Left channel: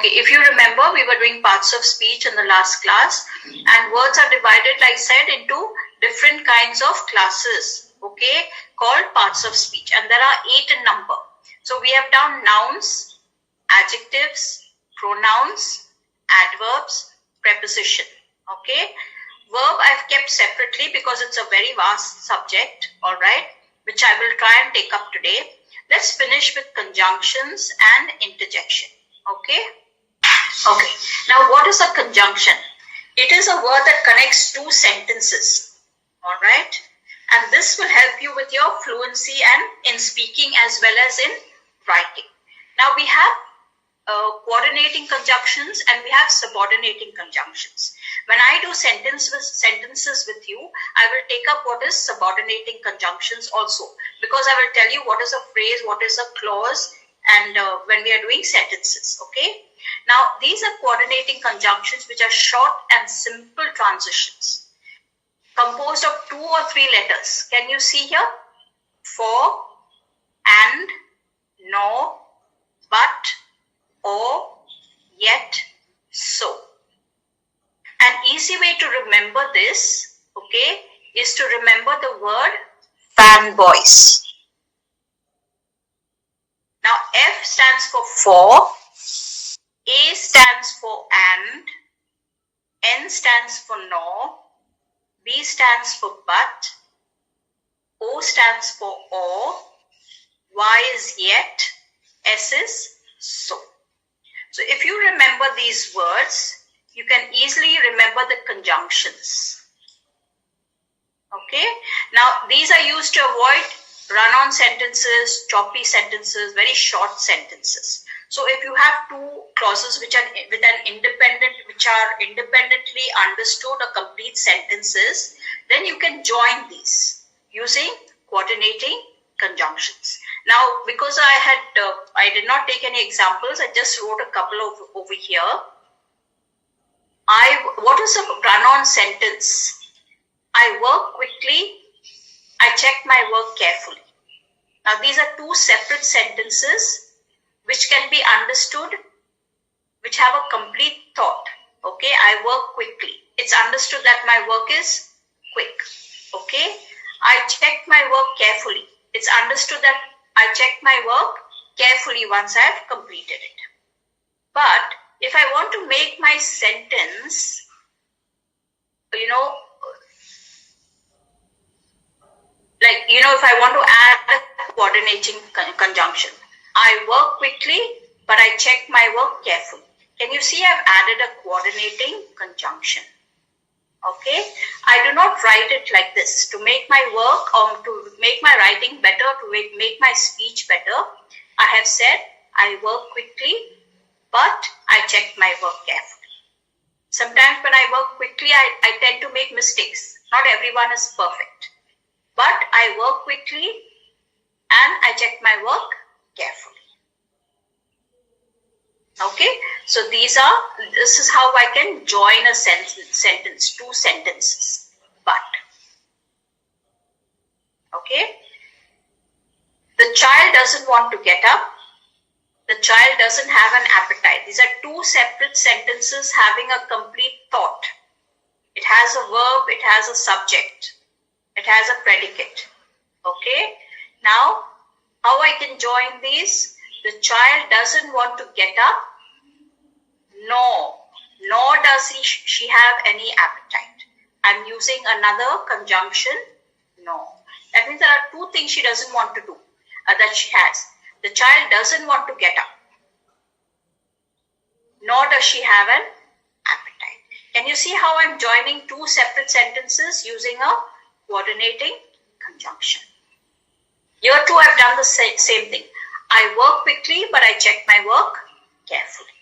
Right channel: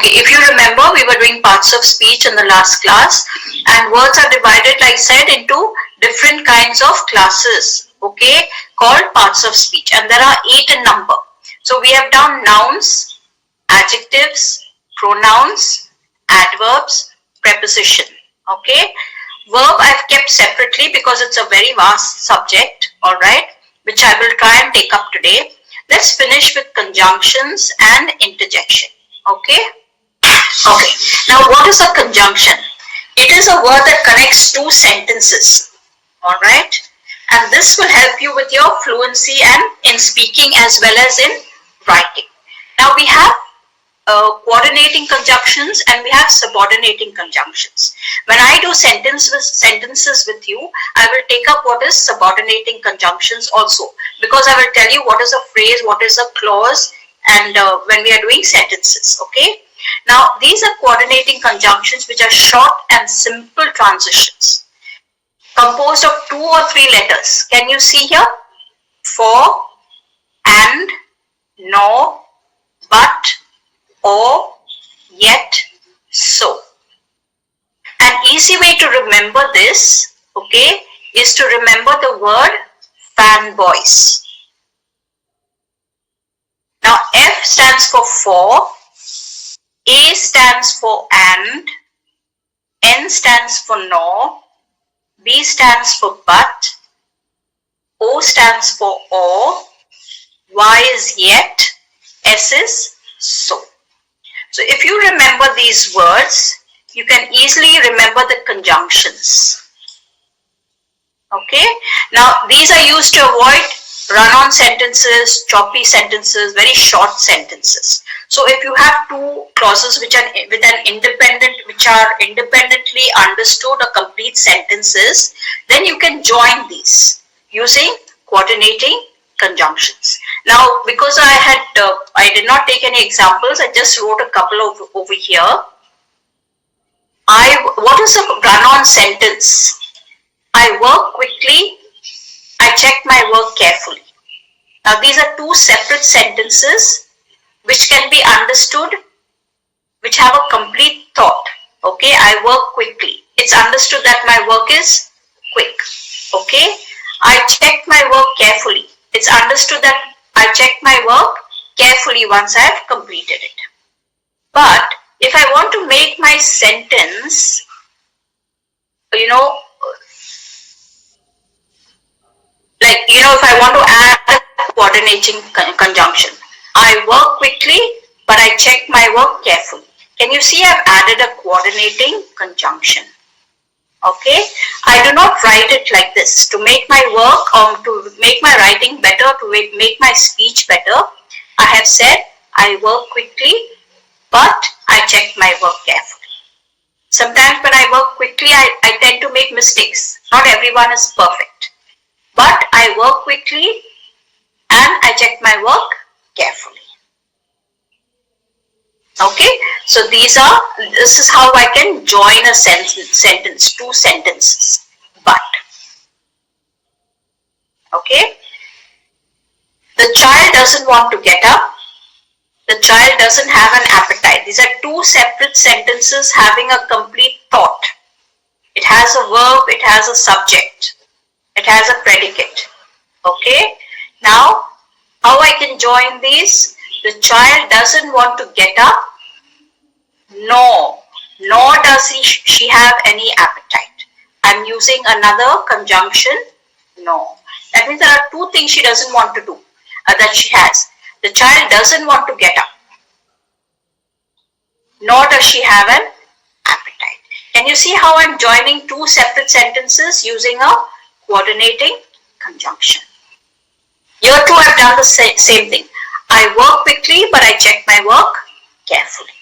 Okay, if you remember, we were doing parts of speech in the last class, and words are divided, like I said, into different kinds of classes, okay, called parts of speech, and there are 8 in number. So we have done nouns, adjectives, pronouns, adverbs, preposition, okay. Verb I've kept separately because it's a very vast subject, alright, which I will try and take up today. Let's finish with conjunctions and interjection, okay. Okay, now what is a conjunction? It is a word that connects 2 sentences, alright, and this will help you with your fluency and in speaking as well as in writing. Now we have coordinating conjunctions and we have subordinating conjunctions. When I do sentences with you, I will take up what is subordinating conjunctions also, because I will tell you what is a phrase, what is a clause, and when we are doing sentences, okay. Now these are coordinating conjunctions which are short and simple transitions composed of 2 or 3 letters. Can you see here? For, and, nor, but, or, yet, so. An easy way to remember this, okay, is to remember the word fanboys. Now F stands for, A stands for and, N stands for nor, B stands for but, O stands for or, Y is yet, S is so. So if you remember these words, you can easily remember the conjunctions. Okay. Now these are used to avoid run-on sentences, choppy sentences, very short sentences. So if you have 2 clauses which are independently understood or complete sentences, then you can join these using coordinating conjunctions. Now, because I did not take any examples, I just wrote a couple over here. What is a run-on sentence? I work quickly, I check my work carefully. Now, these are 2 separate sentences which can be understood, which have a complete thought. Okay, I work quickly. It's understood that my work is quick. Okay, I check my work carefully. It's understood that I check my work carefully once I have completed it. But if I want to make my sentence, if I want to add a coordinating conjunction, I work quickly, but I check my work carefully. Can you see I've added a coordinating conjunction? Okay, I do not write it like this. To make my work or to make my writing better, to make my speech better, I have said I work quickly, but I check my work carefully. Sometimes when I work quickly, I tend to make mistakes. Not everyone is perfect. But I work quickly and I check my work carefully. Okay, so this is how I can join a sentence, 2 sentences. But, okay, the child doesn't want to get up. The child doesn't have an appetite. These are 2 separate sentences having a complete thought. It has a verb, it has a subject, it has a predicate. Okay, now how I can join these? The child doesn't want to get up, nor does she have any appetite. I'm using another conjunction, no. That means there are 2 things she doesn't want to do, that she has. The child doesn't want to get up, nor does she have an appetite. Can you see how I'm joining 2 separate sentences using a coordinating conjunction? Here too I've done the same thing. I work quickly, but I check my work carefully.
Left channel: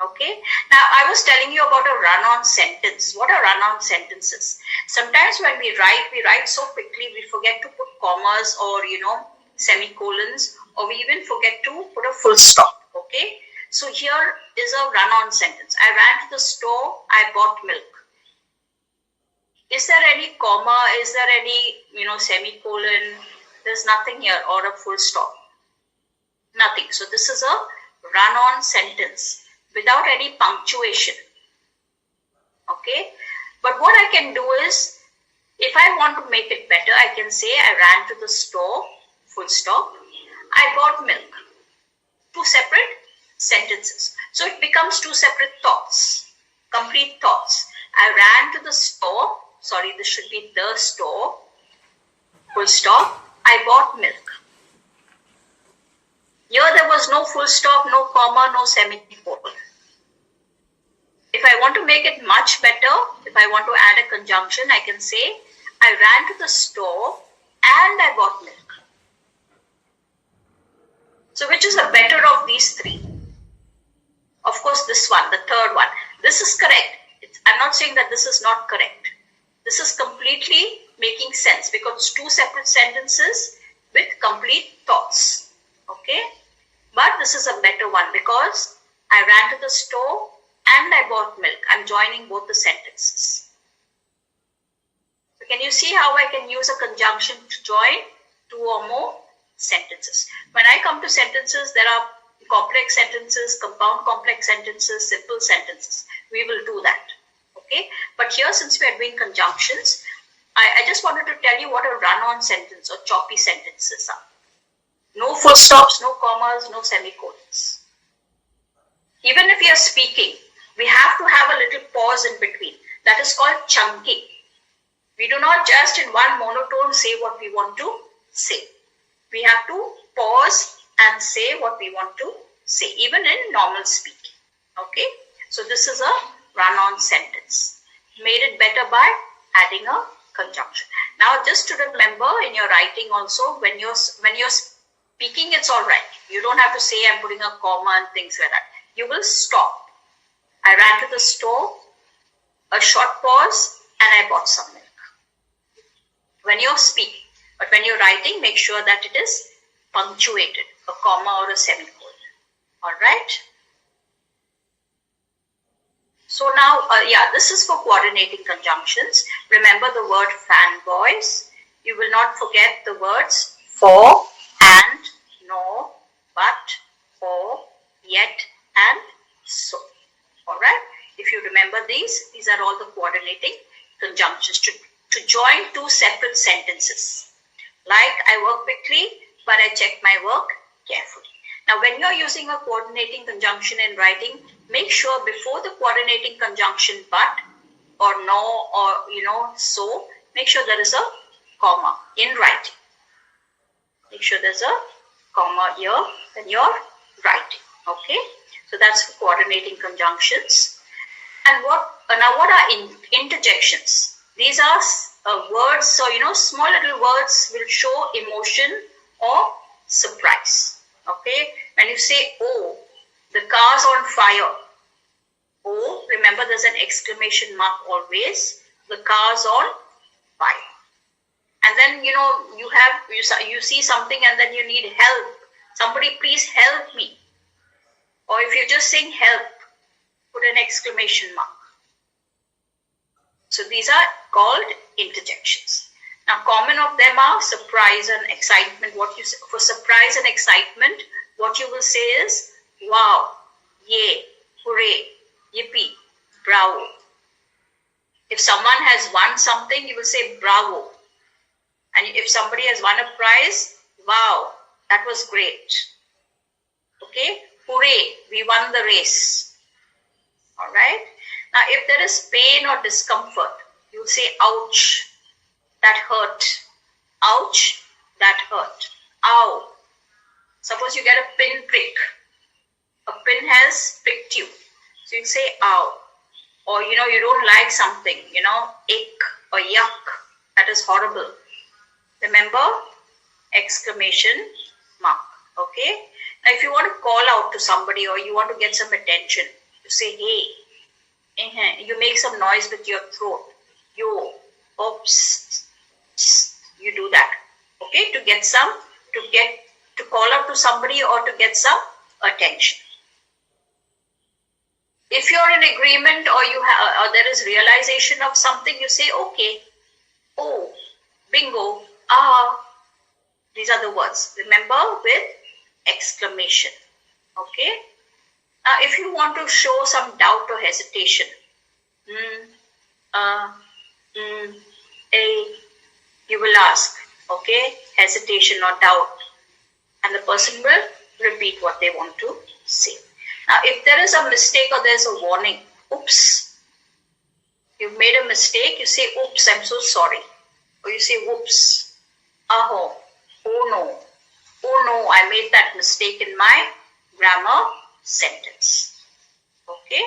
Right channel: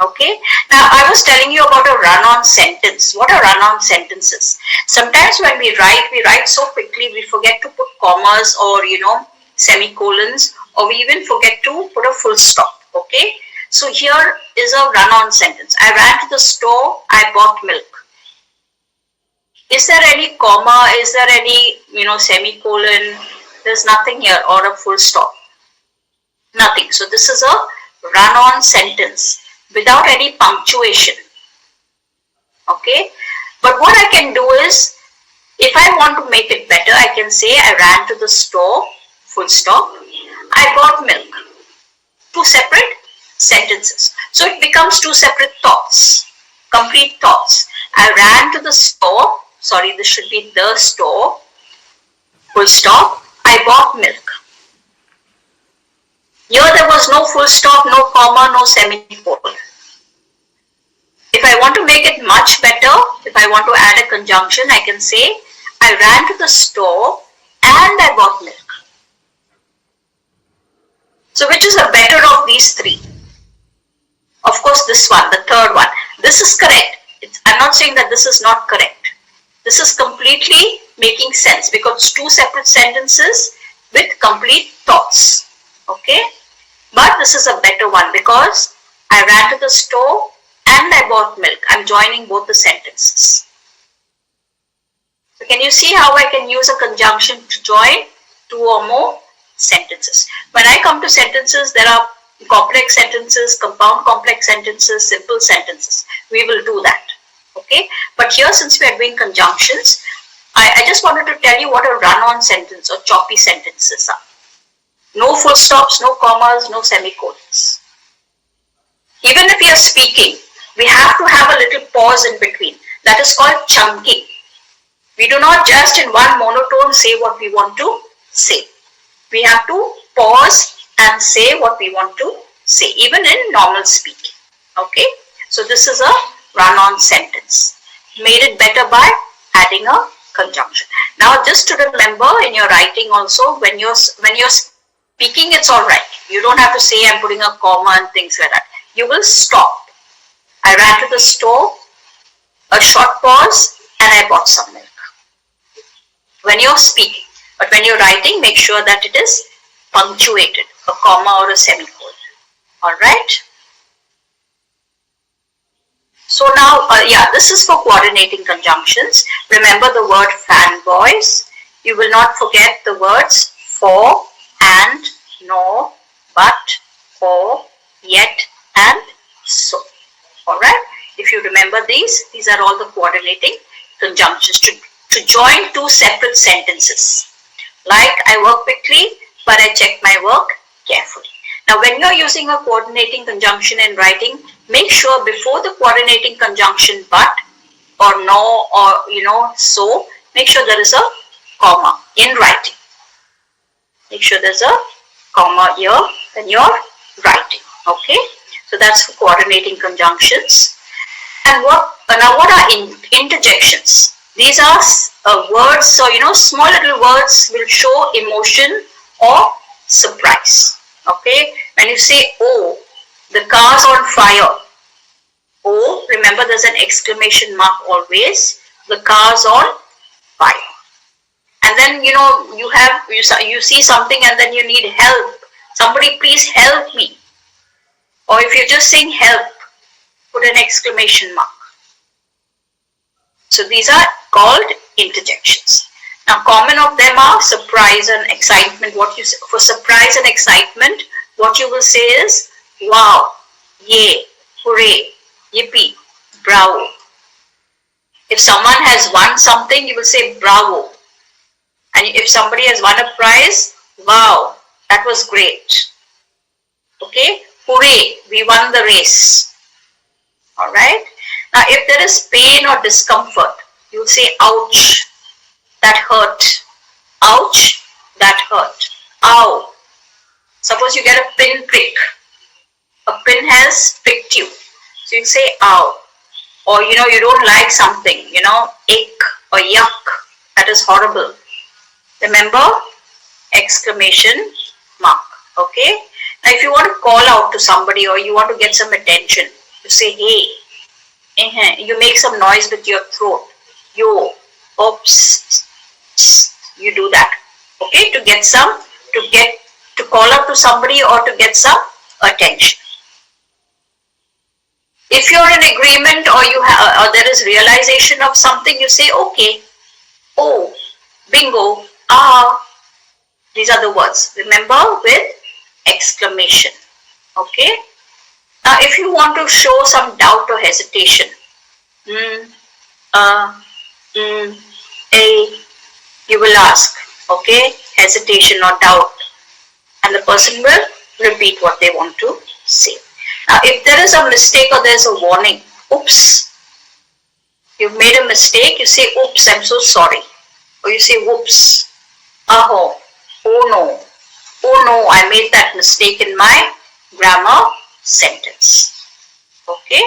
Okay. Now I was telling you about a run-on sentence. What are run-on sentences? Sometimes when we write so quickly we forget to put commas or semicolons, or we even forget to put a full stop. Okay. So here is a run-on sentence. I ran to the store. I bought milk. Is there any comma? Is there any semicolon? There's nothing here, or a full stop. Nothing. So this is a run-on sentence. without any punctuation. Okay, but what I can do is, if I want to make it better, I can say I ran to the store, full stop. I bought milk. Two separate sentences. So it becomes two separate thoughts, complete thoughts. I ran to the store. Sorry, this should be the store, full stop. I bought milk. Here there was no full stop, no comma, no semicolon. If I want to make it much better, if I want to add a conjunction, I can say, I ran to the store and I bought milk. So which is the better of these three? Of course, this one, the third one. This is correct. I'm not saying that this is not correct. This is completely making sense because two separate sentences with complete thoughts. Okay? But this is a better one because I ran to the store and I bought milk. I'm joining both the sentences. So can you see how I can use a conjunction to join two or more sentences? When I come to sentences, there are complex sentences, compound complex sentences, simple sentences. We will do that. Okay? But here, since we are doing conjunctions, I just wanted to tell you what a run-on sentence or choppy sentences are. No full stops, no commas, no semicolons. Even if we are speaking, we have to have a little pause in between. That is called chunking. We do not just in one monotone say what we want to say. We have to pause and say what we want to say, even in normal speaking. Okay? So this is a run-on sentence. Made it better by adding a conjunction. Now just to remember in your writing also, when you're speaking, it's all right. You don't have to say I'm putting a comma and things like that. You will stop. I ran to the store, a short pause, and I bought some milk. When you're speaking, but when you're writing, make sure that it is punctuated, a comma or a semicolon. All right? So now, this is for coordinating conjunctions. Remember the word fanboys. You will not forget the words for, and, nor, but, or, yet, and so. Alright? If you remember these are all the coordinating conjunctions to join two separate sentences. Like, I work quickly, but I check my work carefully. Now, when you are using a coordinating conjunction in writing, make sure before the coordinating conjunction but or no or so, make sure there is a comma in writing. Make sure there's a comma here when you're writing. Okay? So that's for coordinating conjunctions. And what are interjections? These are words, so small little words will show emotion or surprise. Okay, when you say, oh, the car's on fire. Oh, remember there's an exclamation mark always. The car's on fire. And then you see something and then you need help. Somebody please help me. Or if you're just saying help, put an exclamation mark. So these are called interjections. Now, common of them are surprise and excitement. For surprise and excitement, what you will say is wow, yay, hooray, yippee, bravo. If someone has won something, you will say bravo. And if somebody has won a prize, wow, that was great. Okay, hooray, we won the race. All right. Now, if there is pain or discomfort, you will say ouch. That hurt. Ouch, that hurt. Ow. Suppose you get a pin prick. A pin has pricked you. So you say ow. Or you don't like something, ache or yuck. That is horrible. Remember? Exclamation mark. Okay? Now if you want to call out to somebody or you want to get some attention, you say hey. You make some noise with your throat. Yo. Oops. You do that, okay, to call out to somebody or to get some attention. If you're in agreement or or there is realization of something, you say okay, oh, bingo, ah. These are the words. Remember, with exclamation. Okay. Now, if you want to show some doubt or hesitation, you will ask, okay, hesitation or doubt, and the person will repeat what they want to say. Now, if there is a mistake or there's a warning, oops, you've made a mistake, you say, oops, I'm so sorry. Or you say, whoops, oh no, I made that mistake in my grammar sentence. Okay?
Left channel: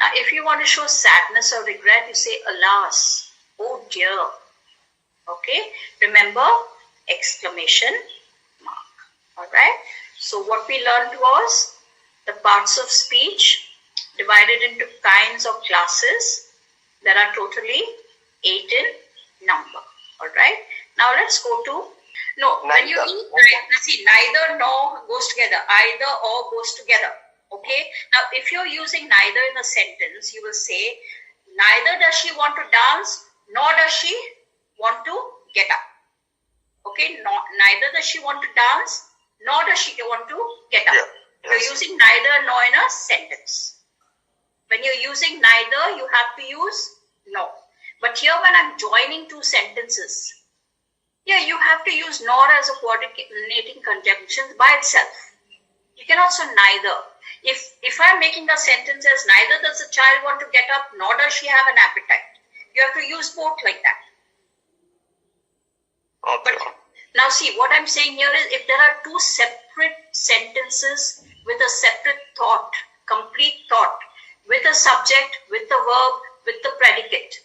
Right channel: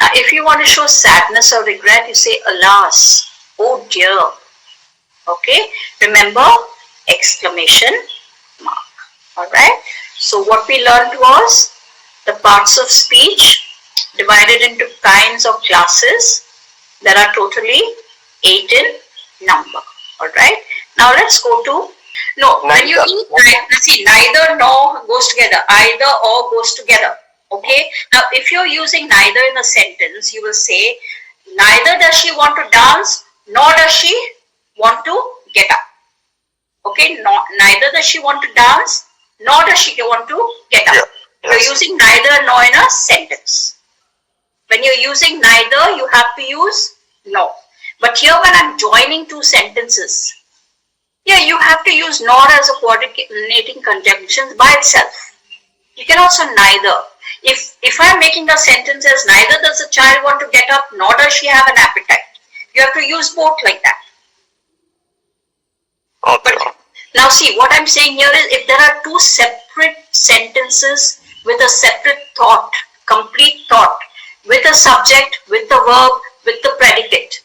Now, if you want to show sadness or regret, you say, alas, oh dear. Okay? Remember, exclamation mark. Alright? So, what we learned was the parts of speech divided into kinds of classes. There are totally 8 in number. Alright? Now, let's go to no, when you see, neither nor goes together, either or goes together. Okay. Now, if you're using neither in a sentence, you will say, neither does she want to dance, nor does she want to get up. Okay. Neither does she want to dance, nor does she want to get up. Yeah. Yes. You're using neither nor in a sentence. When you're using neither, you have to use nor. But here, when I'm joining two sentences, yeah, you have to use nor as a coordinating conjunction by itself. You can also neither. If I'm making a sentence as neither does the child want to get up, nor does she have an appetite. You have to use both like that. Okay. But now see, what I'm saying here is if there are two separate sentences with a separate thought, complete thought, with a subject, with the verb, with the predicate,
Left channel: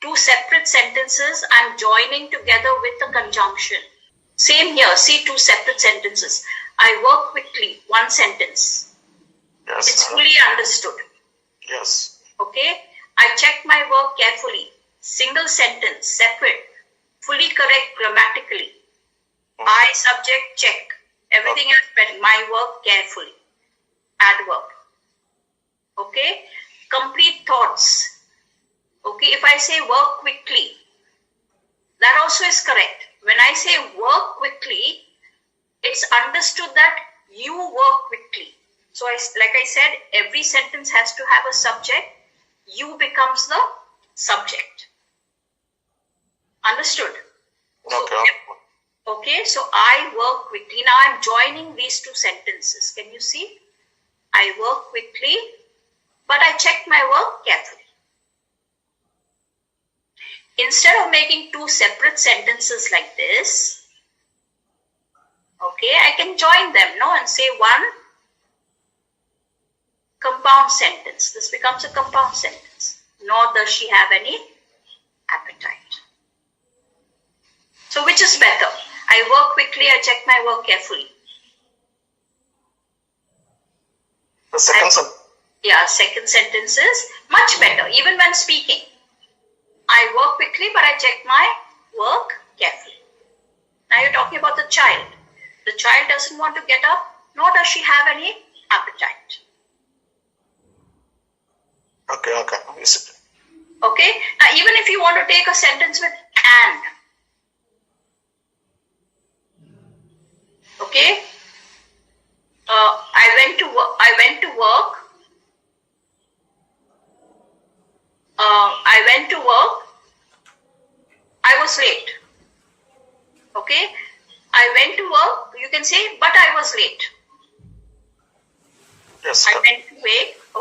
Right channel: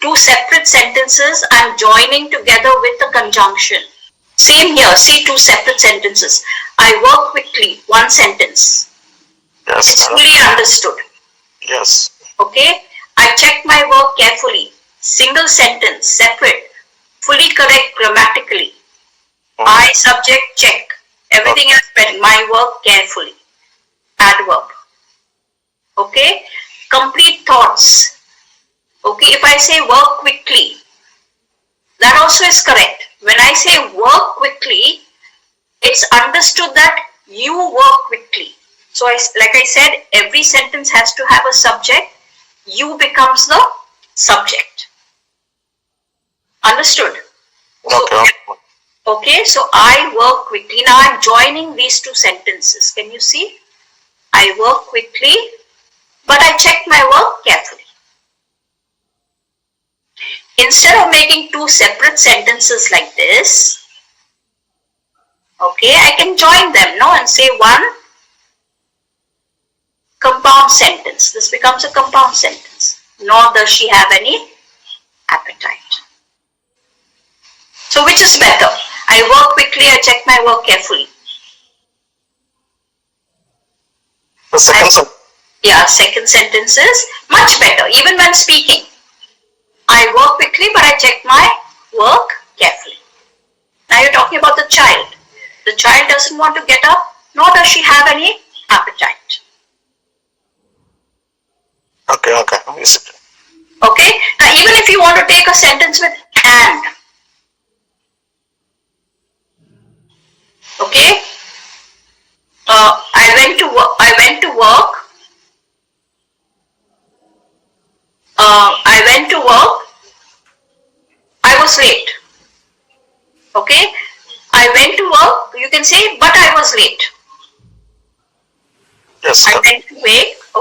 two separate sentences I'm joining together with a conjunction. Same here, see two separate sentences. I work quickly, one sentence. Yes. It's fully understood. Yes. Okay. I check my work carefully. Single sentence, separate, fully correct grammatically. I subject check. Everything else better. My work carefully. Adverb. Okay. Complete thoughts. Okay, if I say work quickly, that also is correct. When I say work quickly, it's understood that you work quickly. So, like I said, every sentence has to have a subject. You becomes the subject. Understood? Okay. Okay, so I work quickly. Now I'm joining these two sentences. Can you see? I work quickly, but I check my work carefully. Instead of making two separate sentences like this, okay, I can join them, no, and say one compound sentence. This becomes a compound sentence. Nor does she have any appetite. So which is better? I work quickly, I check my work carefully. The second sentence. Yeah, second sentence is much better, even when speaking. I work quickly, but I check my work carefully. Now you're talking about the child. The child doesn't want to get up, nor does she have any appetite. Okay. Okay. Now even if you want to take a sentence with and. Okay. I went to work. I was late. Okay. I went to work. You can say, but I was late. Yes. I went to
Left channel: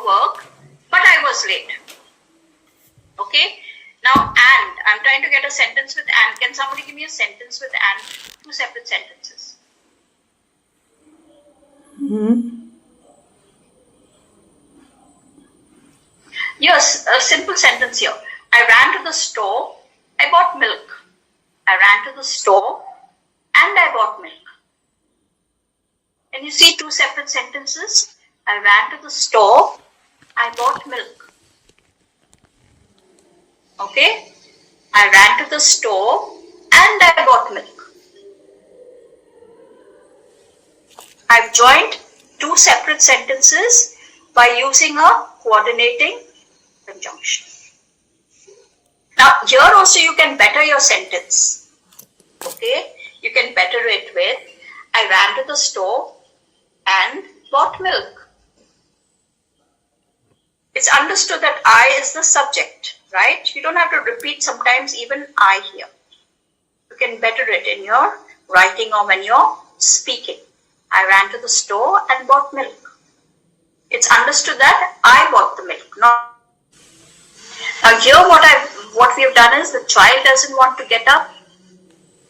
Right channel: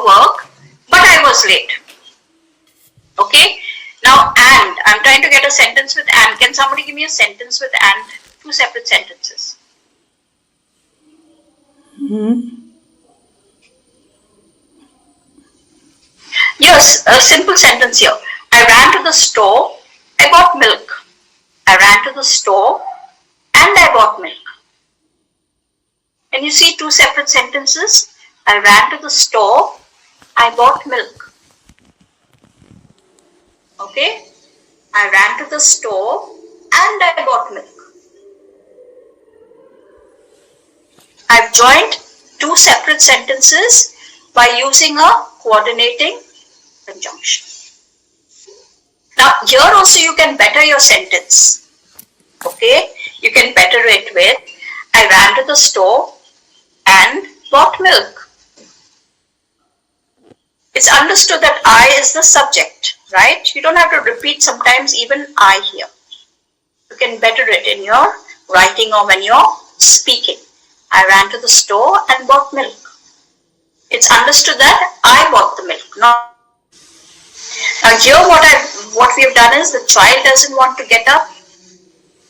work, but I was late. Okay. Now and. I'm trying to get a sentence with and. Can somebody give me a sentence with and? Two separate sentences. Yes, a simple sentence here. I ran to the store, I bought milk. I ran to the store and I bought milk. Can you see two separate sentences? I ran to the store, I bought milk. Okay? I ran to the store and I bought milk. I've joined two separate sentences by using a coordinating conjunction. Now, here also you can better your sentence. Okay? You can better it with, I ran to the store and bought milk. It's understood that I is the subject, right? You don't have to repeat sometimes even I here. You can better it in your writing or when you're speaking. I ran to the store and bought milk. It's understood that I bought the milk, not. Now here what we have done is the child doesn't want to get up,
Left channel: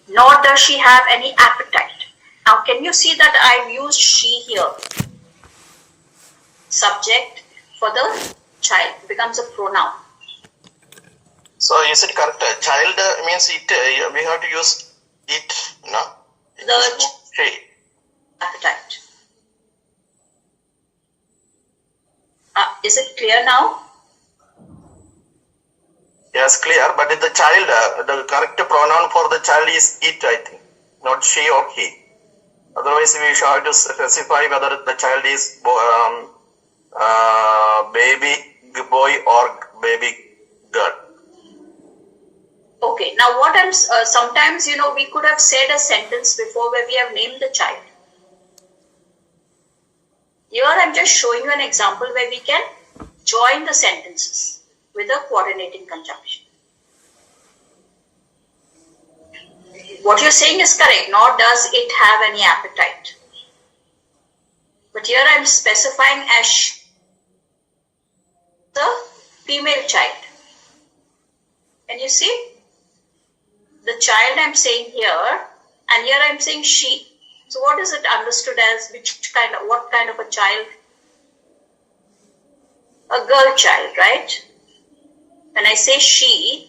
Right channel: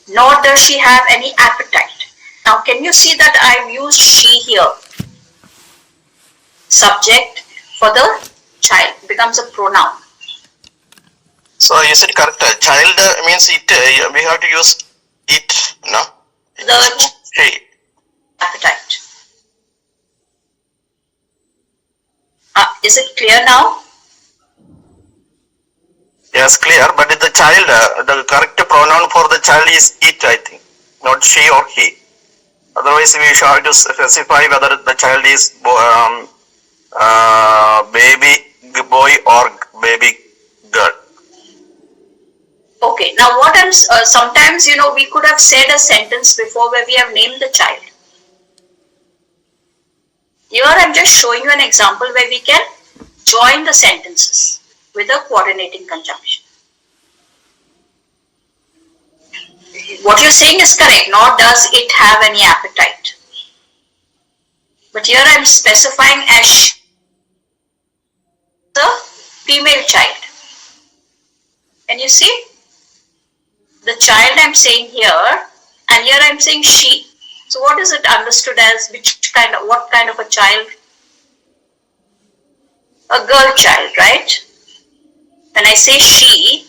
nor does she have any appetite. Now can you see that I've used she here? Subject for the child becomes a pronoun. So is it correct? Child means it. We have to use it, no? The She. Appetite. Is it clear now? Yes, clear. But the child, the correct pronoun for the child is it, I think, not she or he. Otherwise, we should have to specify whether the child is baby boy or baby girl. Okay. Now what I'm sometimes we could have said a sentence before where we have named the child. Here I'm just showing you an example where we can join the sentences with a coordinating conjunction. What you're saying is correct, nor does it have any appetite. But here I'm specifying as the female child. Can you see? The child I'm saying here, and here I'm saying she. So what is it understood as? What kind of a child? A girl child, right? When I say she,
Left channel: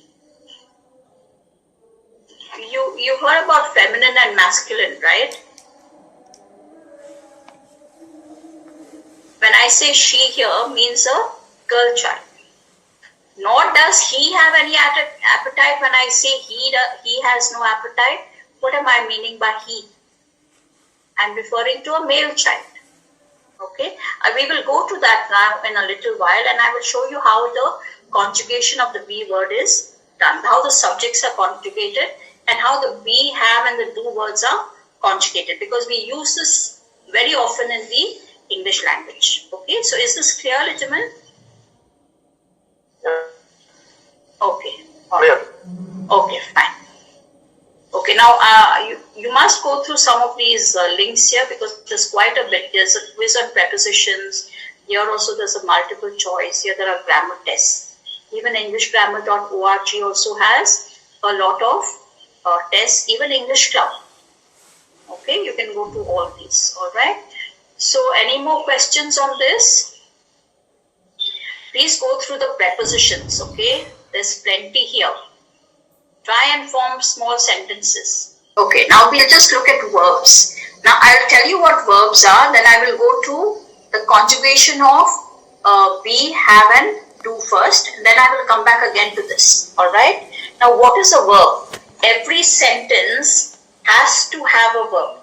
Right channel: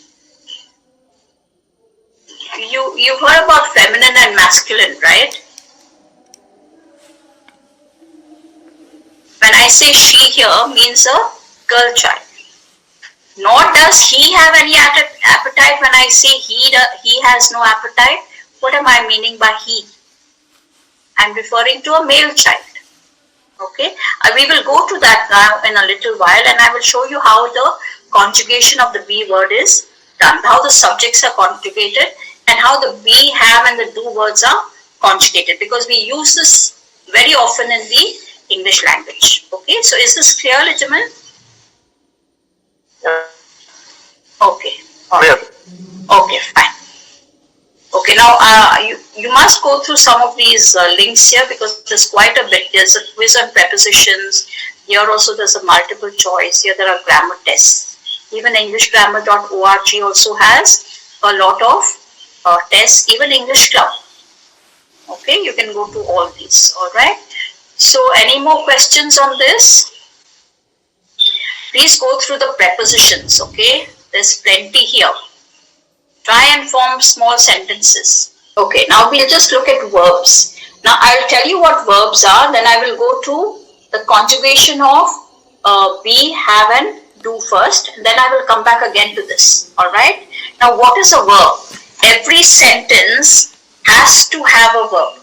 you heard about feminine and masculine, right? When I say she here means a girl child. Nor does he have any appetite. When I say he has no appetite, what am I meaning by he? I'm referring to a male child. Okay, we will go to that now in a little while, and I will show you how the conjugation of the be word is done, how the subjects are conjugated, and how the be, have, and the do words are conjugated, because we use this very often in the English language. Okay, so is this clear, Lijaman? Okay. Clear. Okay, fine. Okay, now you must go through some of these links here, because there's quite a bit. There's a quiz on prepositions. Here also there's a multiple choice. Here there are grammar tests. Even EnglishGrammar.org also has a lot of tests. Even English Club. Okay, you can go to all these. All right. So any more questions on this? Please go through the prepositions. Okay, there's plenty here. Try and form small sentences. Okay, now we'll just look at verbs. Now I'll tell you what verbs are, then I will go to the conjugation of be, have, and do first. Then I will come back again to this. Alright? Now what is a verb? Every sentence has to have a verb.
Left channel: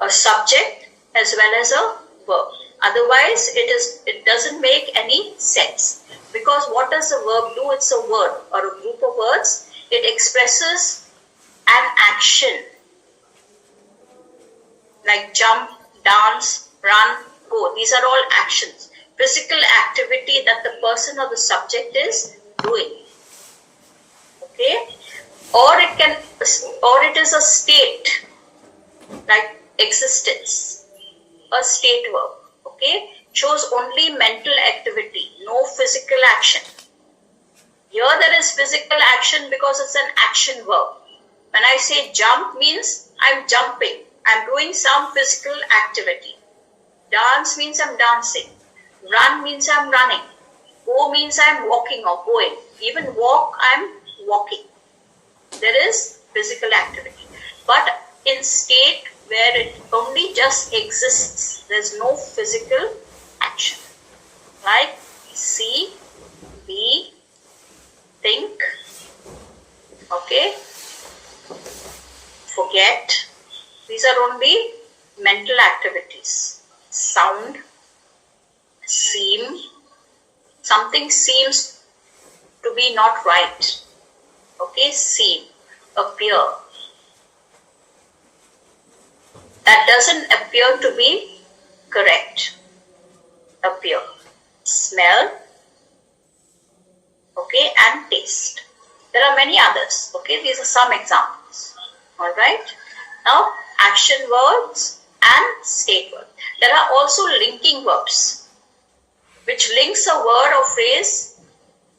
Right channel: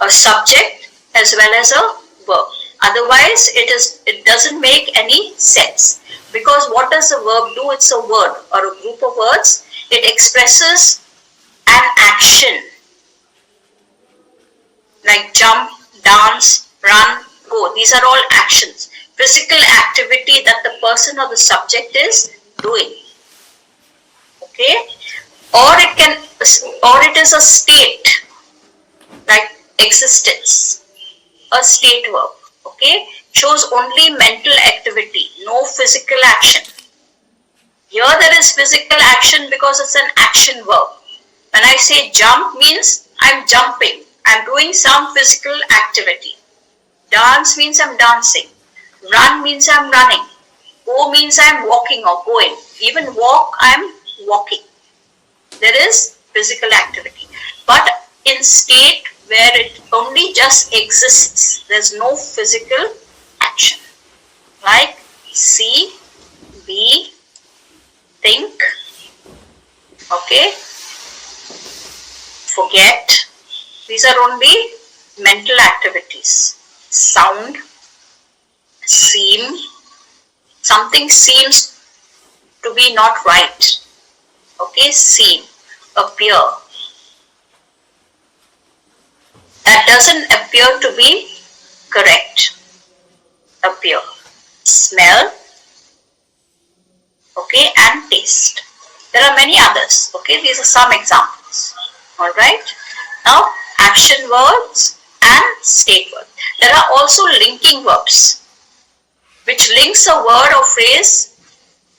A subject as well as a verb. Otherwise it doesn't make any sense. Because what does a verb do? It's a word or a group of words. It expresses an action. Like jump, dance, run, go. These are all actions. Physical activity that the person or the subject is doing. Okay? Or it is a state, like existence. A state verb. Okay? Shows only mental activity, no physical action. Here there is physical action because it's an action verb. When I say jump means I'm jumping, I'm doing some physical activity. Dance means I'm dancing. Run means I'm running. Go means I'm walking or going. Even walk, I'm walking. There is physical activity. But in state where it only just exists, there's no physical action. Like see, be, think, okay, forget. These are only mental activities. Sound, seem, something seems to be not right. Okay, seem, appear. That doesn't appear to be correct, appear, smell, okay, and taste. There are many others, okay, these are some examples, alright. Now, action verbs and state verbs. There are also linking verbs, which links a word or phrase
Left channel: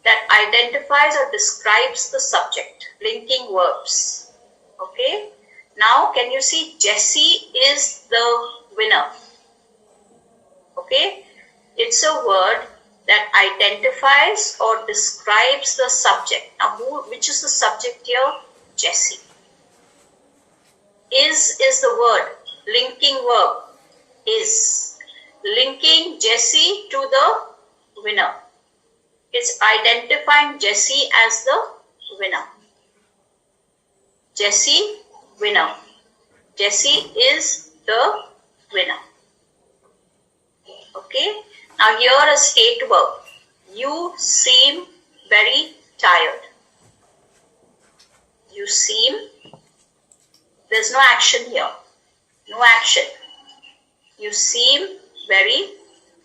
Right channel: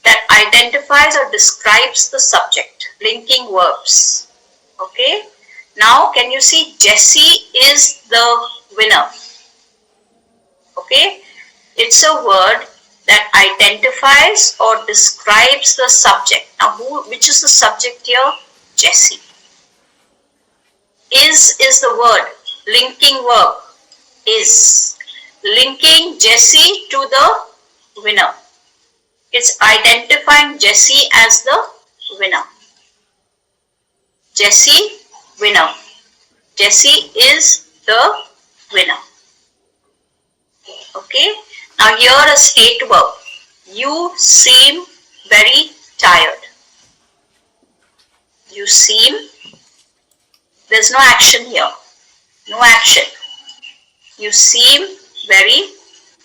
that identifies or describes the subject. Linking verbs, okay. Now, can you see Jessie is the winner, okay. It's a word that identifies or describes the subject. Now, which is the subject here? Jessie. Is the word, linking verb, is. Linking Jessie to the winner. It's identifying Jessie as the winner. Jessie, winner. Jessie is the winner. Okay. Now here a state verb. You seem very tired. You seem, there's no action here. No action. You seem very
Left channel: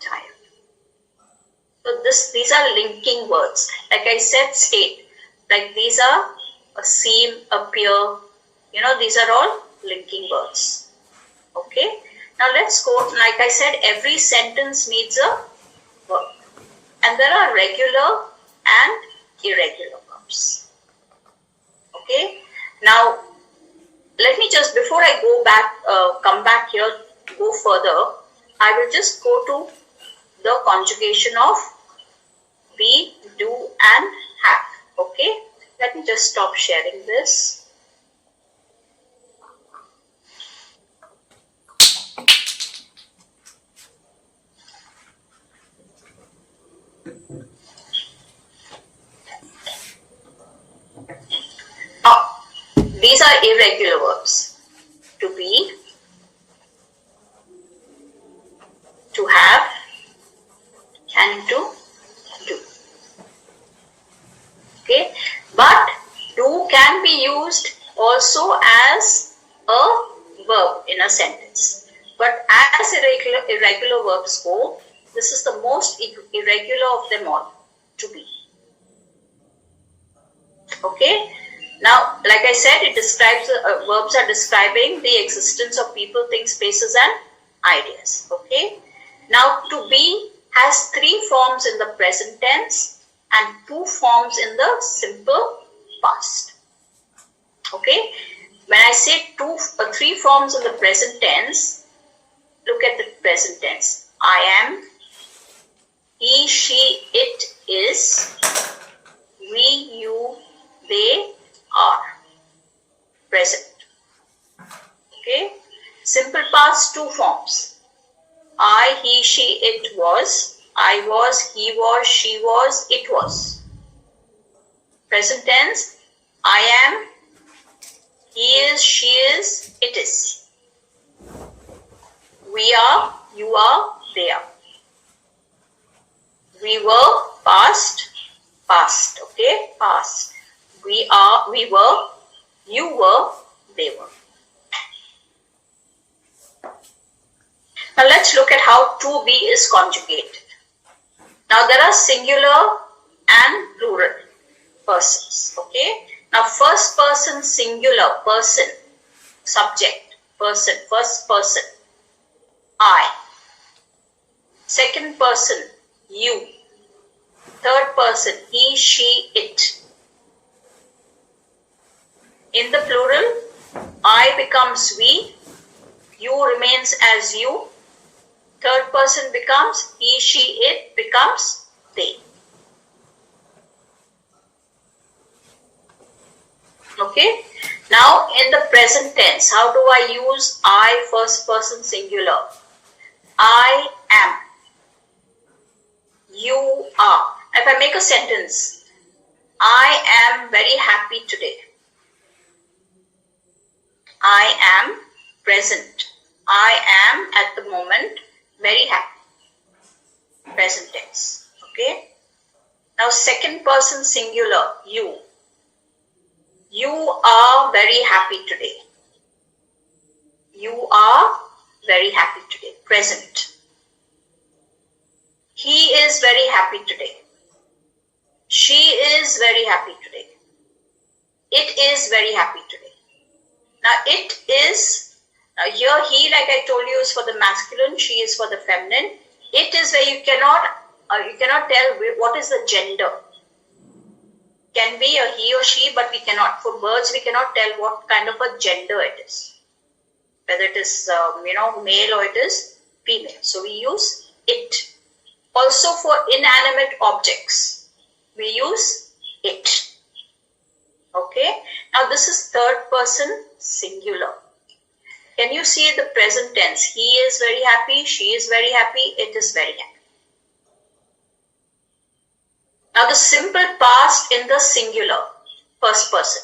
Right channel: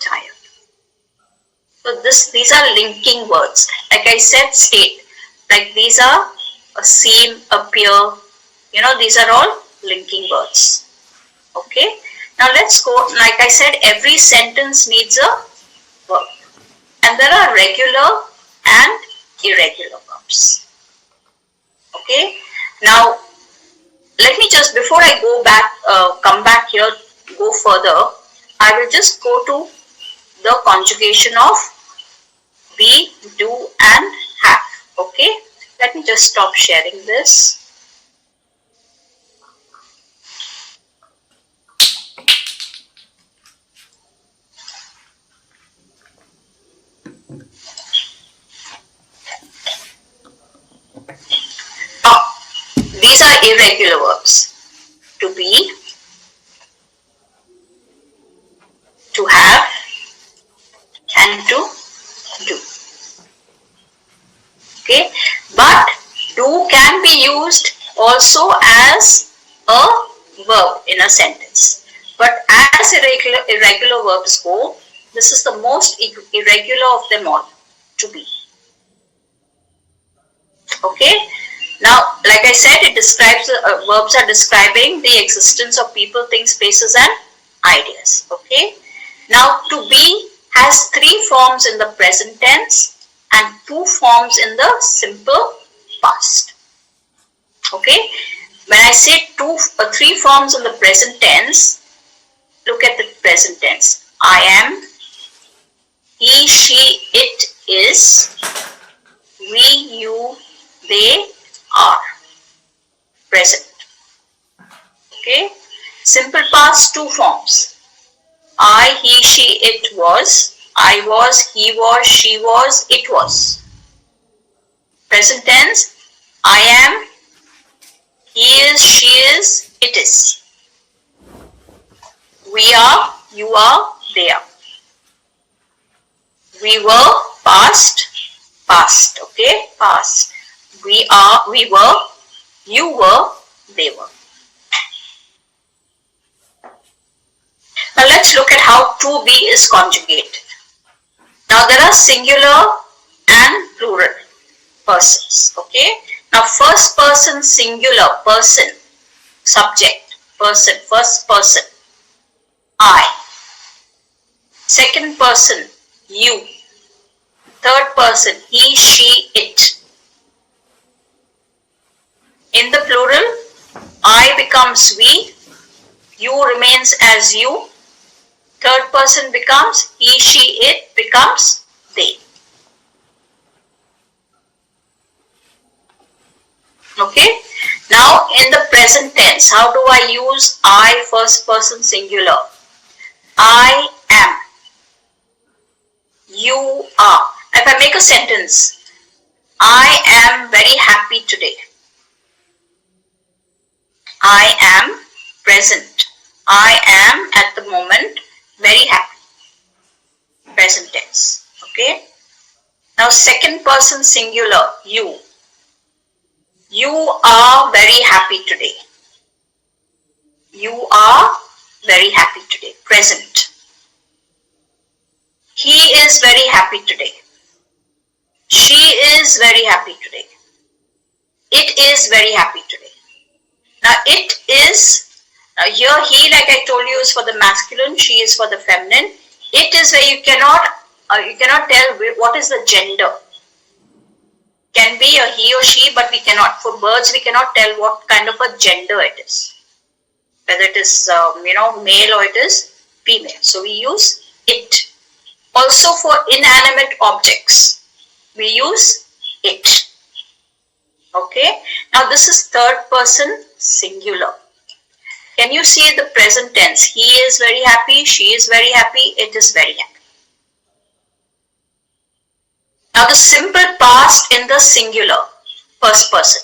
tired. So these are linking words. Like I said, state. Like these are a seem, appear. You know, these are all linking words. Okay. Now let's go. Like I said, every sentence needs a verb. And there are regular and irregular verbs. Okay. Now, let me just, before I go back, come back here, go further, I will just go to the conjugation of be, do and have. Okay. Let me just stop sharing this. These are irregular verbs. To be, to have, and to do. Okay, but do can be used also as a verb in a sentence. But as irregular verbs go, this is the most irregular of them all, to be. Okay. Now, like I said, it describes, verbs are describing the existence of people, things, places and ideas. Okay. Now, to be has 3 forms in the present tense and 2 forms in the simple past. Okay. When I say 3 forms in the present tense, look at the present tense. I am, he, she, it is, we, you, they are. Present. Okay. Simple past 2 forms. I, he, she, it was. I was, he was, she was, it was. Present tense. I am, he is, she is, it is. We are, you are, they are. We were, past, past. Okay. Past. We are, we were, you were, they were. Now let's look at how to be is conjugated. Now there are singular and plural persons. Okay. Now first person singular, person, subject, person, first person, I. Second person, you. Third person, he, she, it. In the plural, I becomes we, you remains as you, third person becomes he, she, it becomes they. Okay. Now in the present tense, how do I use I first person singular? I am. You are. If I make a sentence, I am very happy today. I am present. I am at the moment very happy. Present tense. Okay. Now second person singular, you. You are very happy today. You are very happy today. Present. is very happy today. She is very happy today. It is very happy today. Now it is, here he, like I told you, is for the masculine, she is for the feminine. It is where you cannot tell what is the gender. Can be a he or she, but we cannot. For birds, we cannot tell what kind of a gender it is. Whether it is male or it is female. So we use it. Also for inanimate objects, we use it. Okay. Now this is third person singular. Can you see the present tense? He is very happy, she is very happy, it is very happy. Now the simple past in the singular, first person.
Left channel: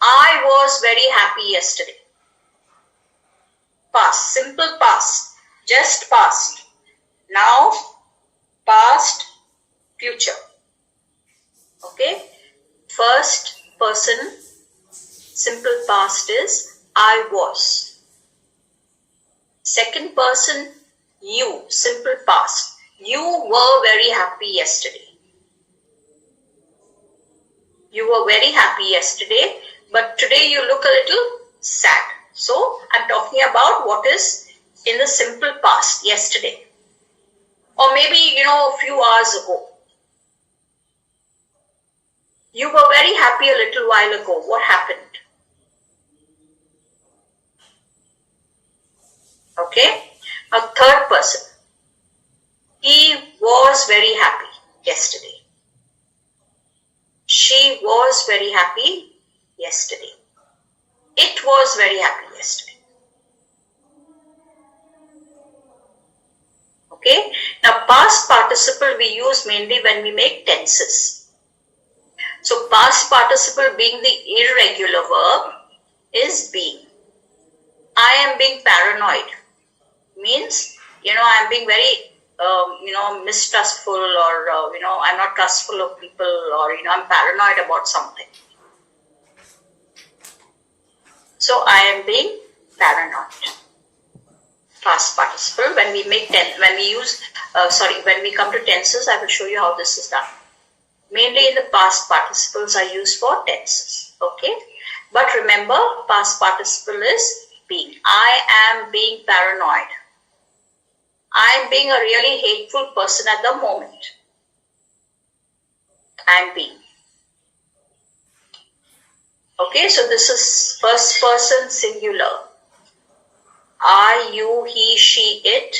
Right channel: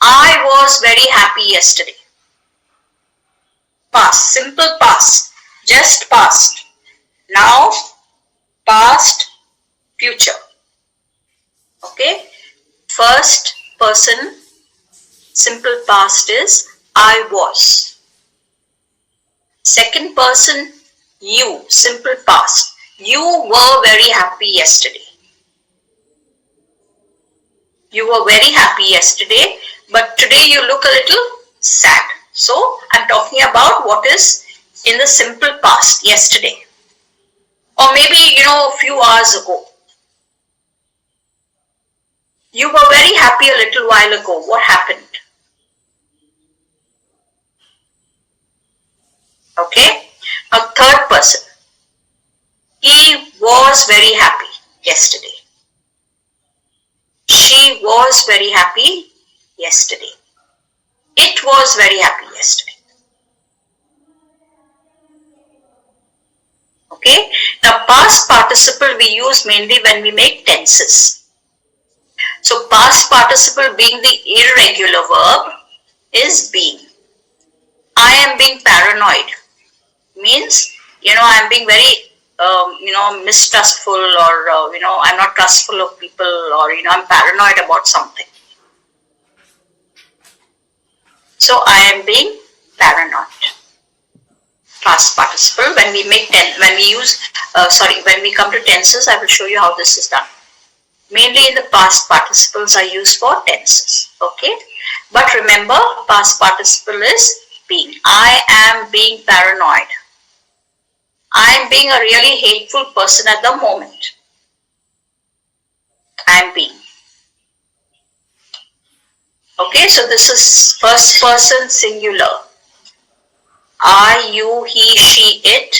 I was very happy yesterday. Past, simple past, just past. Now, past, future. Okay. First person, simple past is I was. Second person, you, simple past. You were very happy yesterday. You were very happy yesterday, but today you look a little sad. So, I'm talking about what is in the simple past, yesterday. Or maybe, a few hours ago. You were very happy a little while ago. What happened? Okay. Now, third person. He was very happy yesterday. She was very happy yesterday. It was very happy yesterday. Okay. Now, past participle we use mainly when we make tenses. So, past participle being the irregular verb is being. I am being paranoid. Means, I am being very, mistrustful, or, I'm not trustful of people, or, I'm paranoid about something. So, I am being paranoid. Past participle. When we make when we come to tenses, I will show you how this is done. Mainly the past participles are used for tenses. Okay. But remember, past participle is being. I am being paranoid. I am being a really hateful person at the moment. I am being. Okay, so this is first person singular. I, you, he, she, it.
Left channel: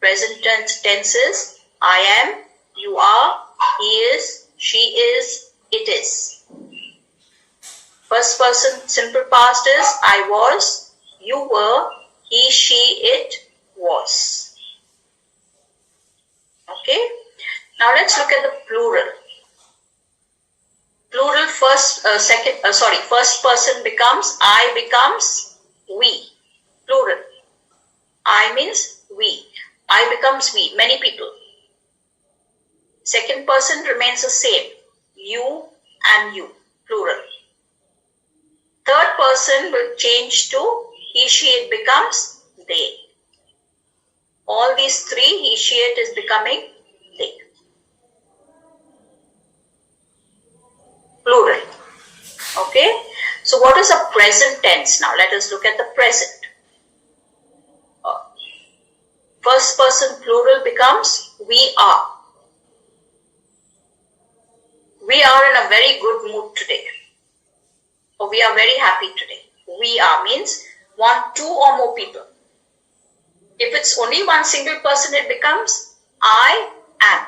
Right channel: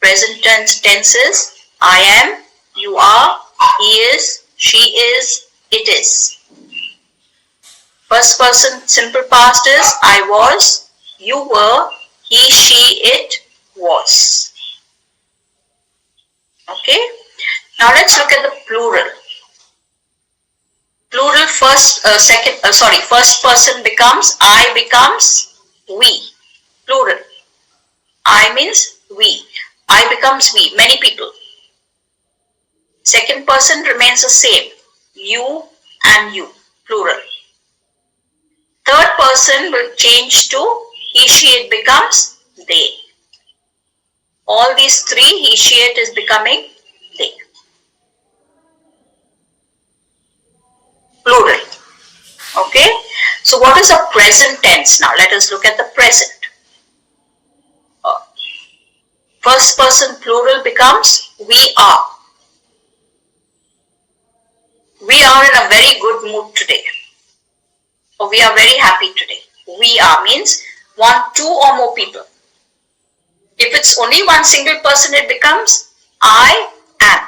Present tenses. I am, you are, he is, she is, it is. First person simple past is I was, you were, he, she, it was. Okay. Now let's look at the plural. Plural first person becomes I becomes we. Plural. I means we. I becomes we. Many people. Second person remains the same. You and you. Plural. Third person will change to he, she, it becomes they. All these three, he, she, it is becoming they. Plural. Okay. So what is a present tense now? Let us look at the present. First person plural becomes we are. We are in a very good mood today. Or we are very happy today. We are means two or more people. If it's only one single person, it becomes I am.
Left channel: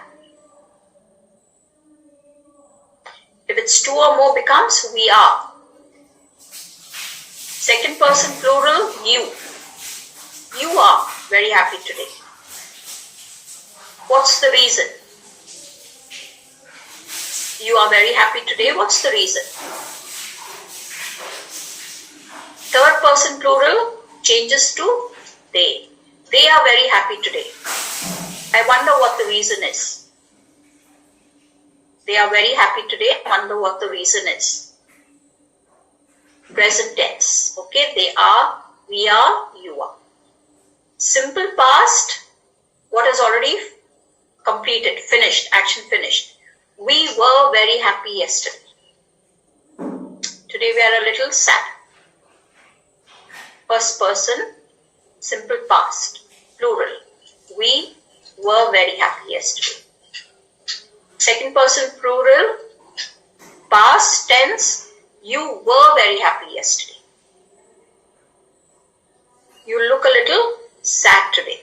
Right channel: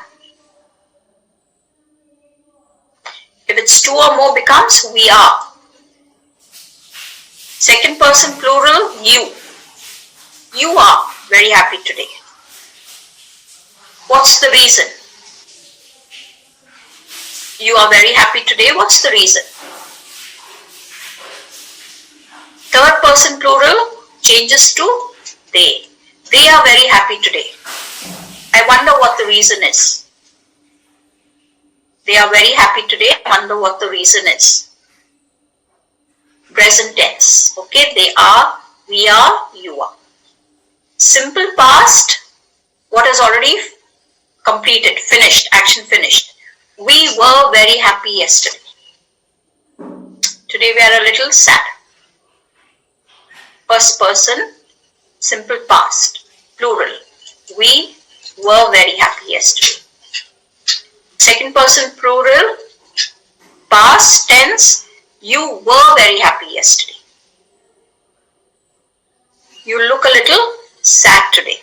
If it's two or more, becomes we are. Second person plural, you. You are very happy today. What's the reason? You are very happy today. What's the reason? Third person plural changes to they. They are very happy today. I wonder what the reason is. They are very happy today. I wonder what the reason is. Present tense. Okay, they are, we are, you are. Simple past, what has already completed, finished, action finished. We were very happy yesterday. Today we are a little sad. First person, simple past, plural. We were very happy yesterday. Second person, plural, past tense, you were very happy yesterday. You look a little sad today.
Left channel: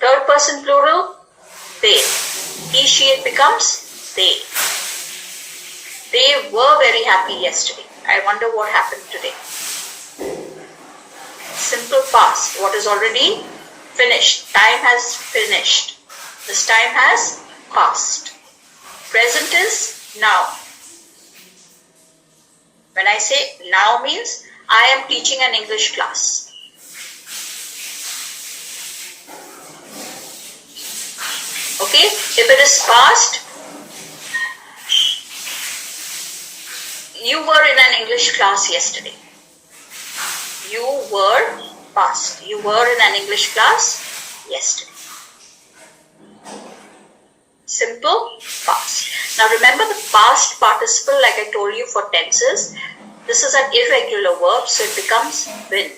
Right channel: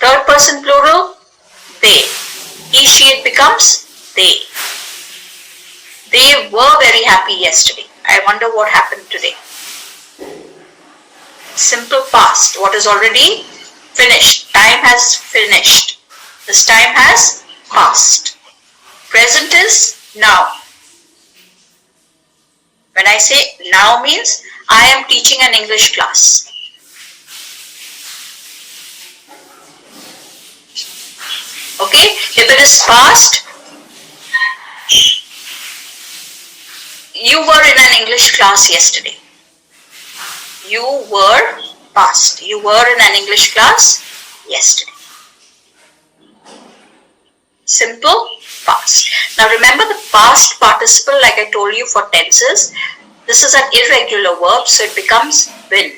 Third person, plural, they. He, she, it becomes they. They were very happy yesterday. I wonder what happened today. Simple past, what is already finished. Time has finished. This time has passed. Present is now. When I say now means I am teaching an English class. Okay, if it is past, you were in an English class yesterday. You were past. You were in an English class yesterday. Simple past. Now remember the past participle, like I told you for tenses. This is an irregular verb, so it becomes been.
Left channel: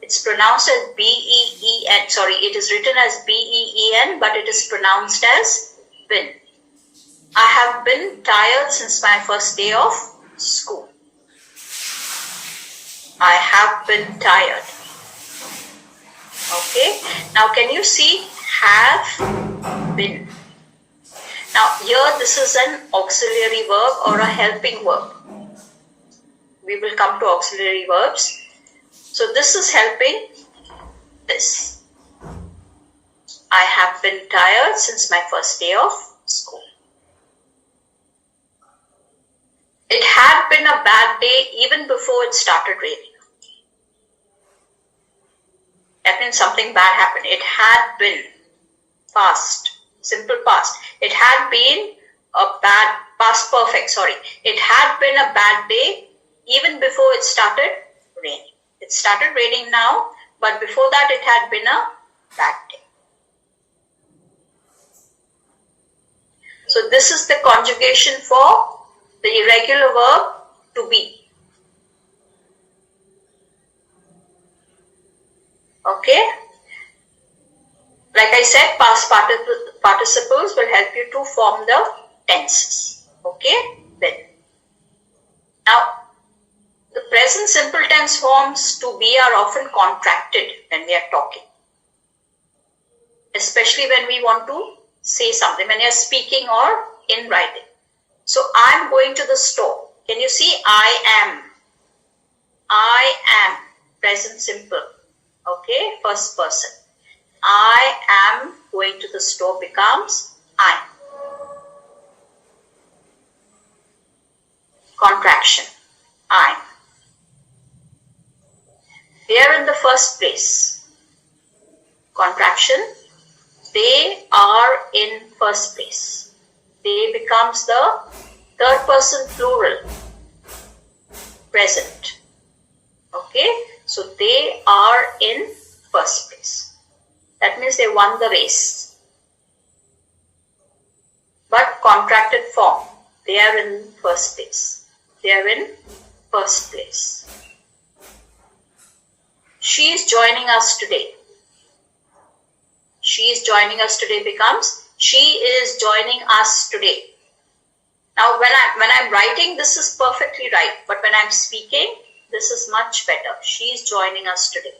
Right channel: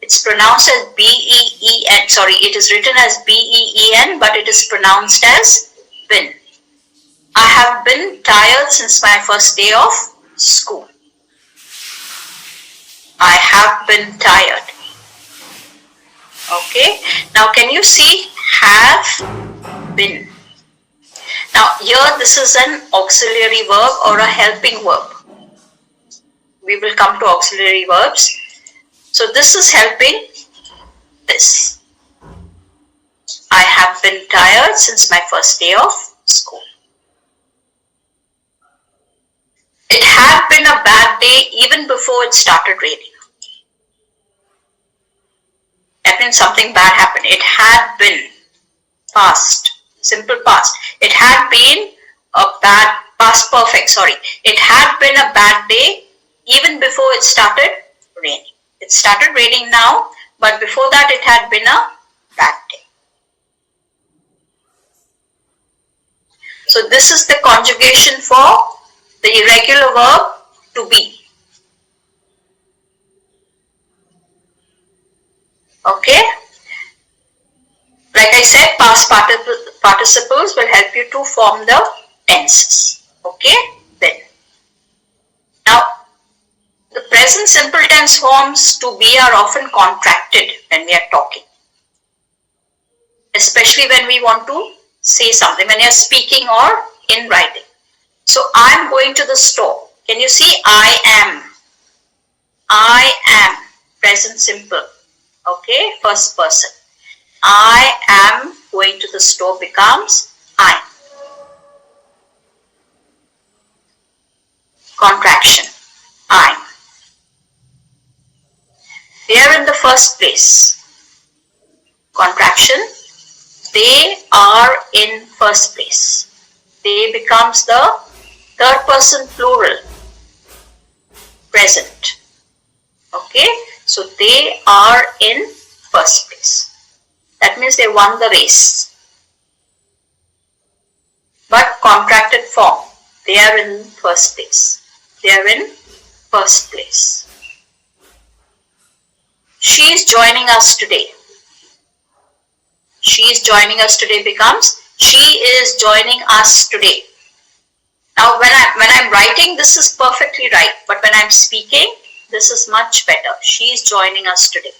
It's pronounced as B-E-E-N. Sorry, it is written as B-E-E-N, but it is pronounced as been. I have been tired since my first day of school. I have been tired. Okay. Now can you see have been? Now here this is an auxiliary verb or a helping verb. We will come to auxiliary verbs. So this is helping this. I have been tired since my first day of school. It had been a bad day even before it started raining. That means something bad happened. It had been past, simple past. It had been a bad, past perfect, sorry. It had been a bad day even before it started raining. It started raining now, but before that it had been a bad day. So this is the conjugation for the irregular verb to be. Okay. Like I said, past participles will help you to form the tenses. Okay. Then. Now, the present simple tense forms to be are often contracted when we are talking. Especially when we want to say something, when you are speaking or in writing. So, I am going to the store. Can you see I am? I am. Present simple. Okay, first person. I am going to the store becomes I. Contraction. I. They are in the first place. Contraction. They are in first place. They becomes the third person plural. Present. Okay. So they are in first place. That means they won the race. But contracted form. They are in first place. They are in first place. She is joining us today. She is joining us today becomes she is joining us today. Now when I'm writing, this is perfectly right. But when I'm speaking, this is much better. She is joining us today.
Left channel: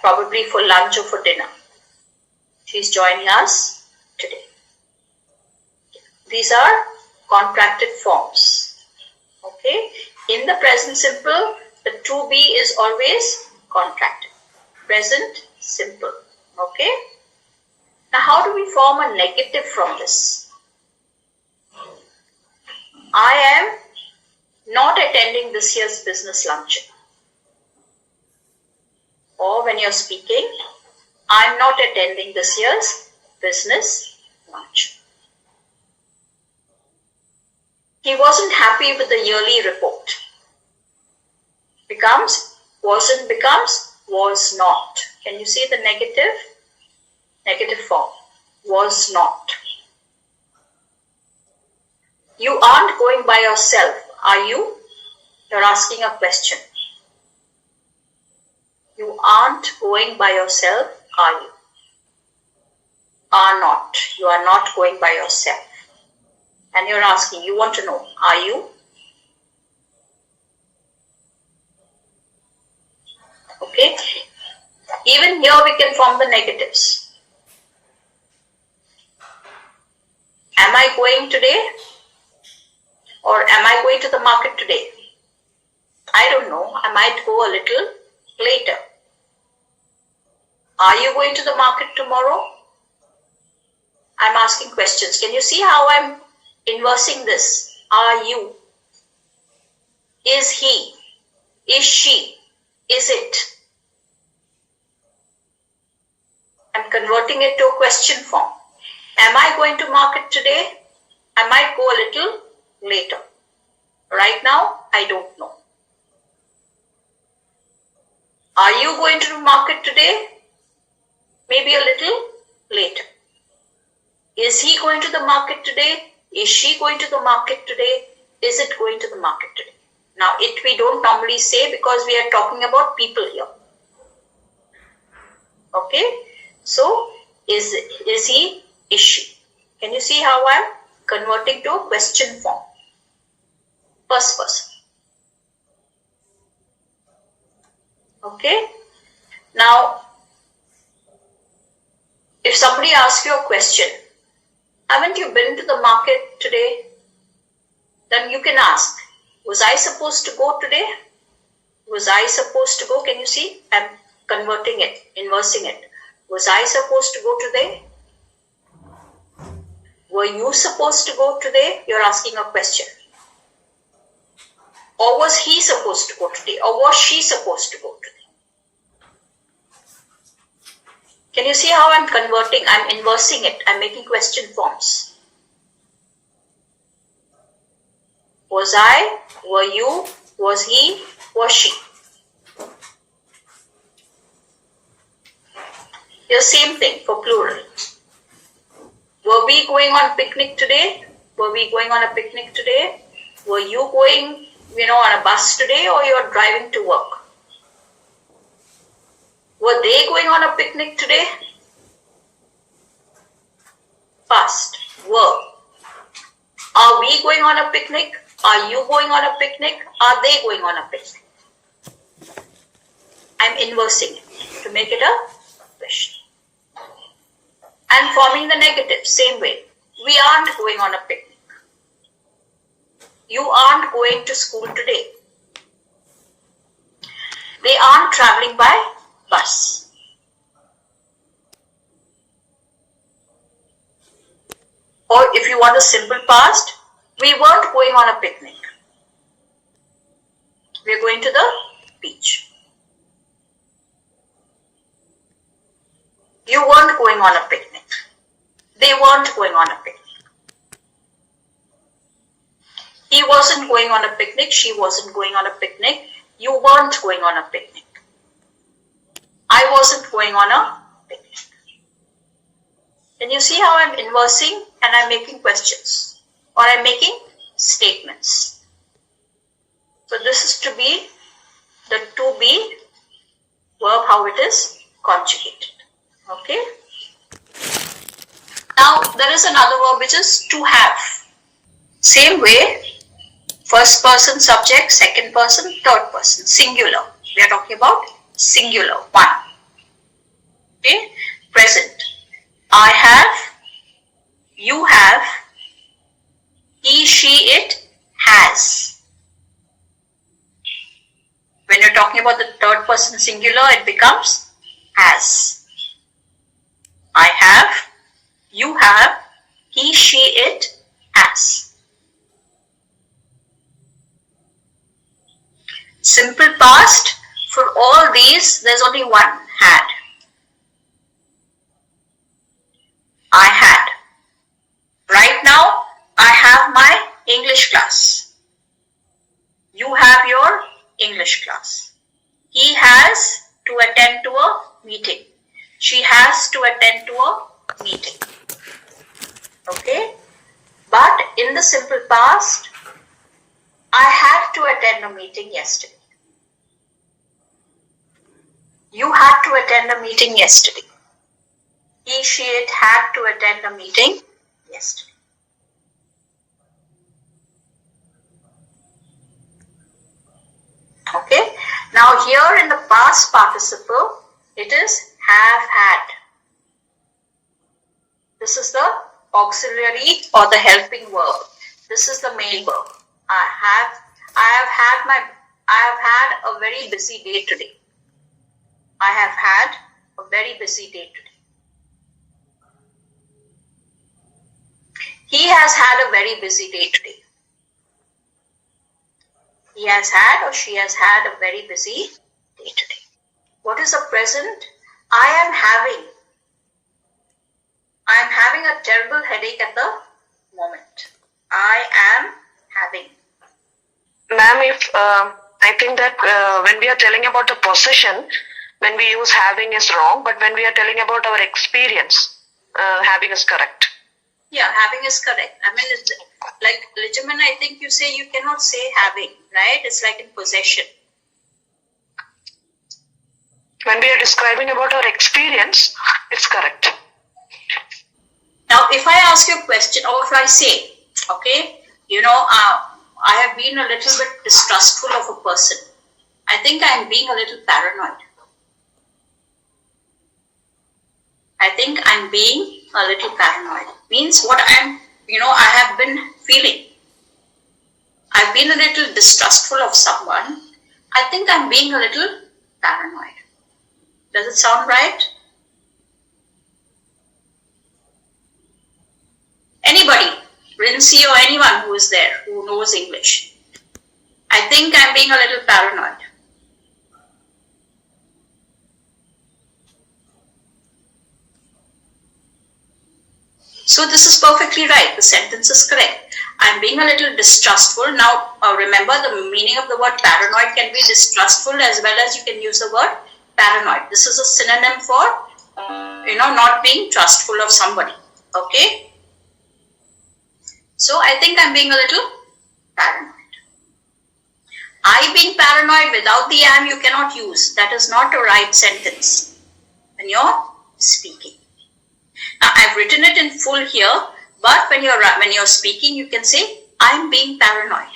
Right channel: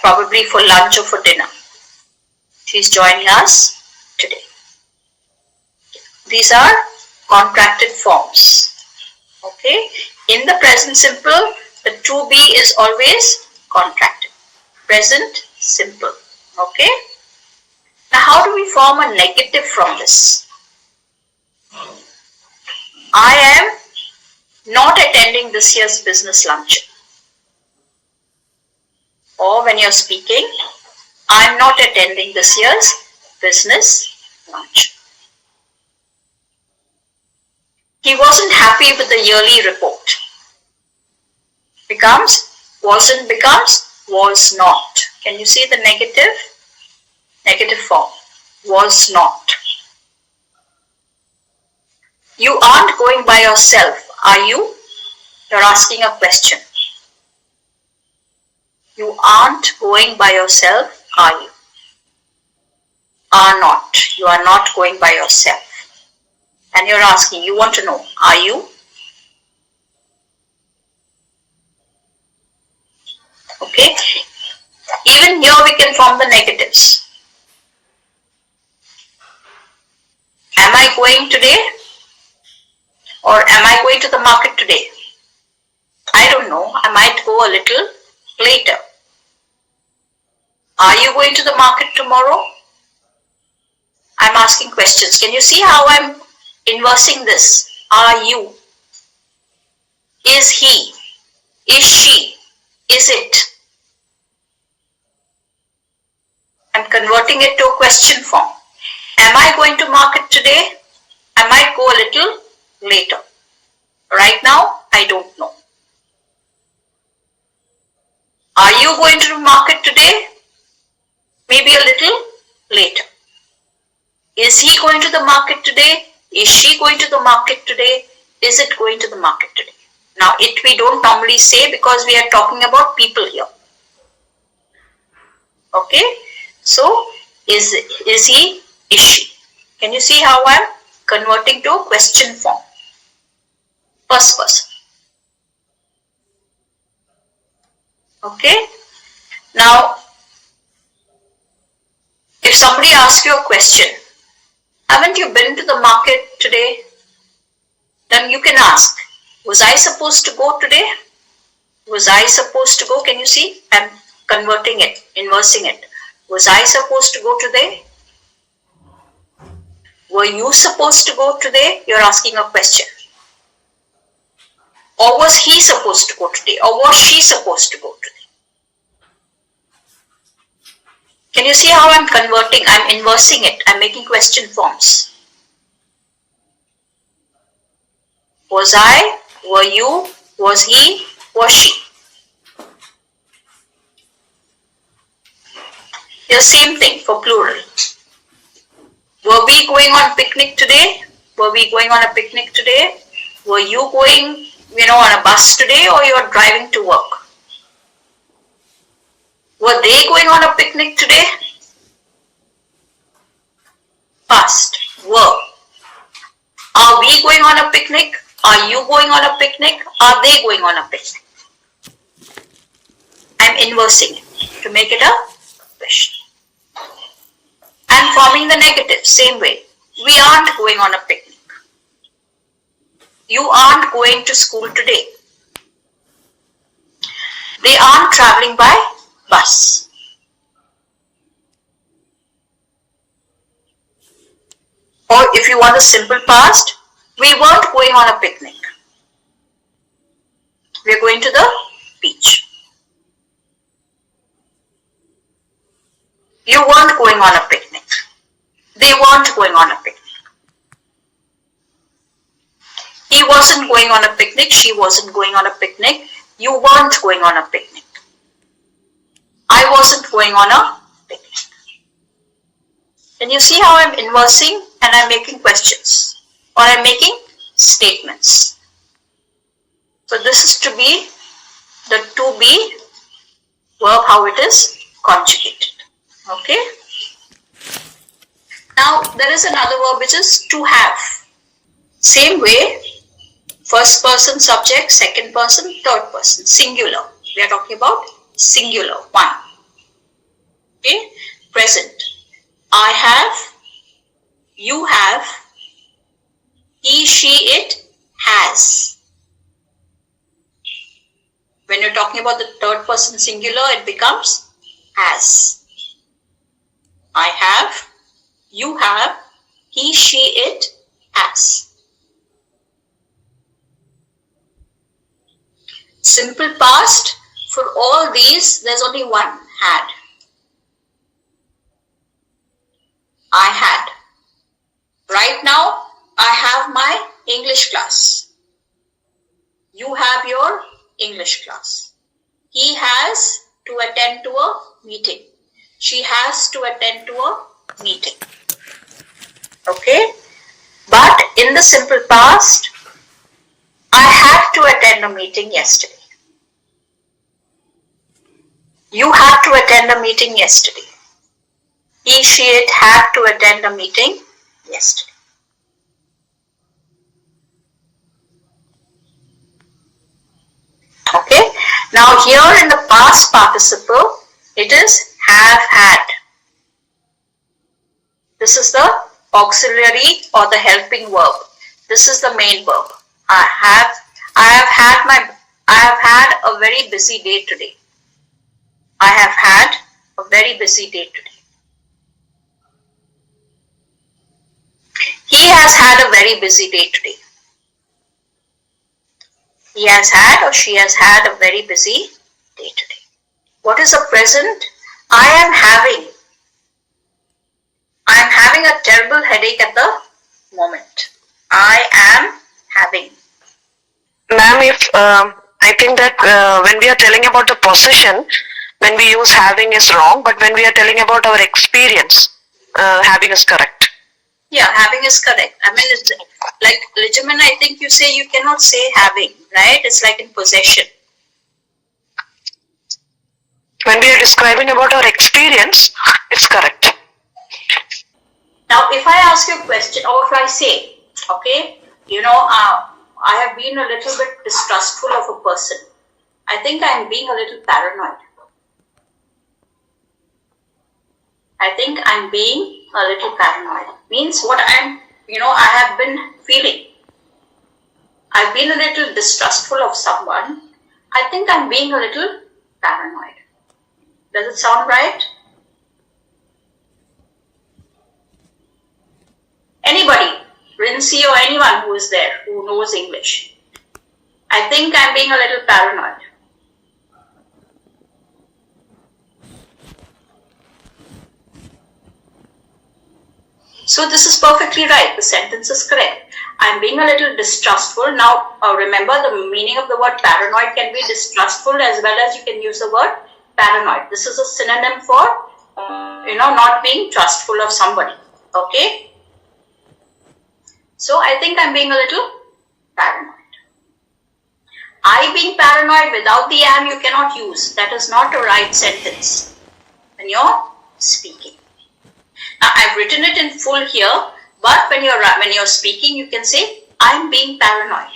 Probably for lunch or for dinner. She is joining us today. These are contracted forms. Okay. In the present simple, the to be is always contracted. Present simple. Okay. Now how do we form a negative from this? I am not attending this year's business luncheon. Or when you're speaking, I'm not attending this year's business luncheon. He wasn't happy with the yearly report. Becomes Wasn't becomes was not. Can you see the negative? Negative form. Was not. You aren't going by yourself, are you? You're asking a question. You aren't going by yourself, are you? Are not. You are not going by yourself. And you're asking, you want to know, are you? Okay. Even here we can form the negatives. Am I going today? Or am I going to the market today? I don't know. I might go a little later. Are you going to the market tomorrow? I'm asking questions. Can you see how I'm inversing this? Are you? Is he? Is she? Is it? I'm converting it to a question form. Am I going to market today? I might go a little later. Right now, I don't know. Are you going to the market today? Maybe a little later. Is he going to the market today? Is she going to the market today? Is it going to the market today? Now, it we don't normally say because we are talking about people here. Okay? So, is he, is she? Can you see how I'm converting to a question form? First person. Okay? Now, if somebody asks you a question, haven't you been to the market today? Then you can ask, was I supposed to go today? Was I supposed to go? Can you see? I'm converting it, inversing it. Was I supposed to go today? Were you supposed to go today? You're asking a question. Or was he supposed to go today? Or was she supposed to go today? Can you see how I'm converting? I'm inversing it. I'm making question forms. Was I? Were you? Was he? Was she? The same thing for plural. Were we going on picnic today? Were we going on a picnic today? Were you going, on a bus today, or you're driving to work? Were they going on a picnic today? Past. Were. Are we going on a picnic? Are you going on a picnic? Are they going on a picnic? I'm inversing it to make it a question. I'm forming the negative, same way. We aren't going on a picnic. You aren't going to school today. They aren't traveling by bus. Or if you want the simple past, we weren't going on a picnic. We're going to the beach. You weren't going on a picnic. They weren't going on a picnic. He wasn't going on a picnic. She wasn't going on a picnic. You weren't going on a picnic. I wasn't going on a picnic. And you see how I'm inversing and I'm making questions or I'm making statements. So this is to be the to be verb, how it is conjugated. Okay. Now there is another verb which is to have. Same way, first person subject, second person, third person, singular. We are talking about singular, one. Okay. Present. I have, you have, he, she, it has. When you're talking about the third person singular, it becomes has. I have, you have, he, she, it has. Simple past, for all these, there's only one, had. I had. Right now, I have my English class. You have your English class. He has to attend to a meeting. She has to attend to a meeting. Okay? But in the simple past, I had to attend a meeting yesterday. You had to attend a meeting yesterday. He, she, it had to attend a meeting yesterday. Okay? Now here in the past participle, it is have had. This is the auxiliary or the helping verb. This is the main verb. I have had a very busy day today. I have had a very busy day today. He has had a very busy day today. He has had or she has had a very busy day today. What is the present? I am having a terrible headache at the moment. I am having. Ma'am, I think that when we are telling about the possession, when we use having is wrong, but when we are telling about our experience, having is correct. Yeah, having is correct. I mean, it's like Lijaman, I think you say you cannot say having, right? It's like in possession. When we are describing about our experience, it's correct. Now, if I ask you a question, or if I say, okay, I have been a little bit distrustful of a person. I think I'm being a little paranoid. I think I'm being a little paranoid. Means what I have been feeling. I've been a little distrustful of someone. I think I'm being a little paranoid. Does it sound right? Anybody, Rincy or anyone who is there, who knows English. I think I'm being a little paranoid. So this is perfectly right. The sentence is correct. I'm being a little distrustful. Now, remember the meaning of the word paranoid can be distrustful as well as you can use the word paranoid. This is a synonym for, not being trustful of somebody. Okay? So I think I'm being a little paranoid. I being paranoid without the am you cannot use. That is not a right sentence when you're speaking. Now I've written it in full here, but when you're speaking, you can say I'm being paranoid.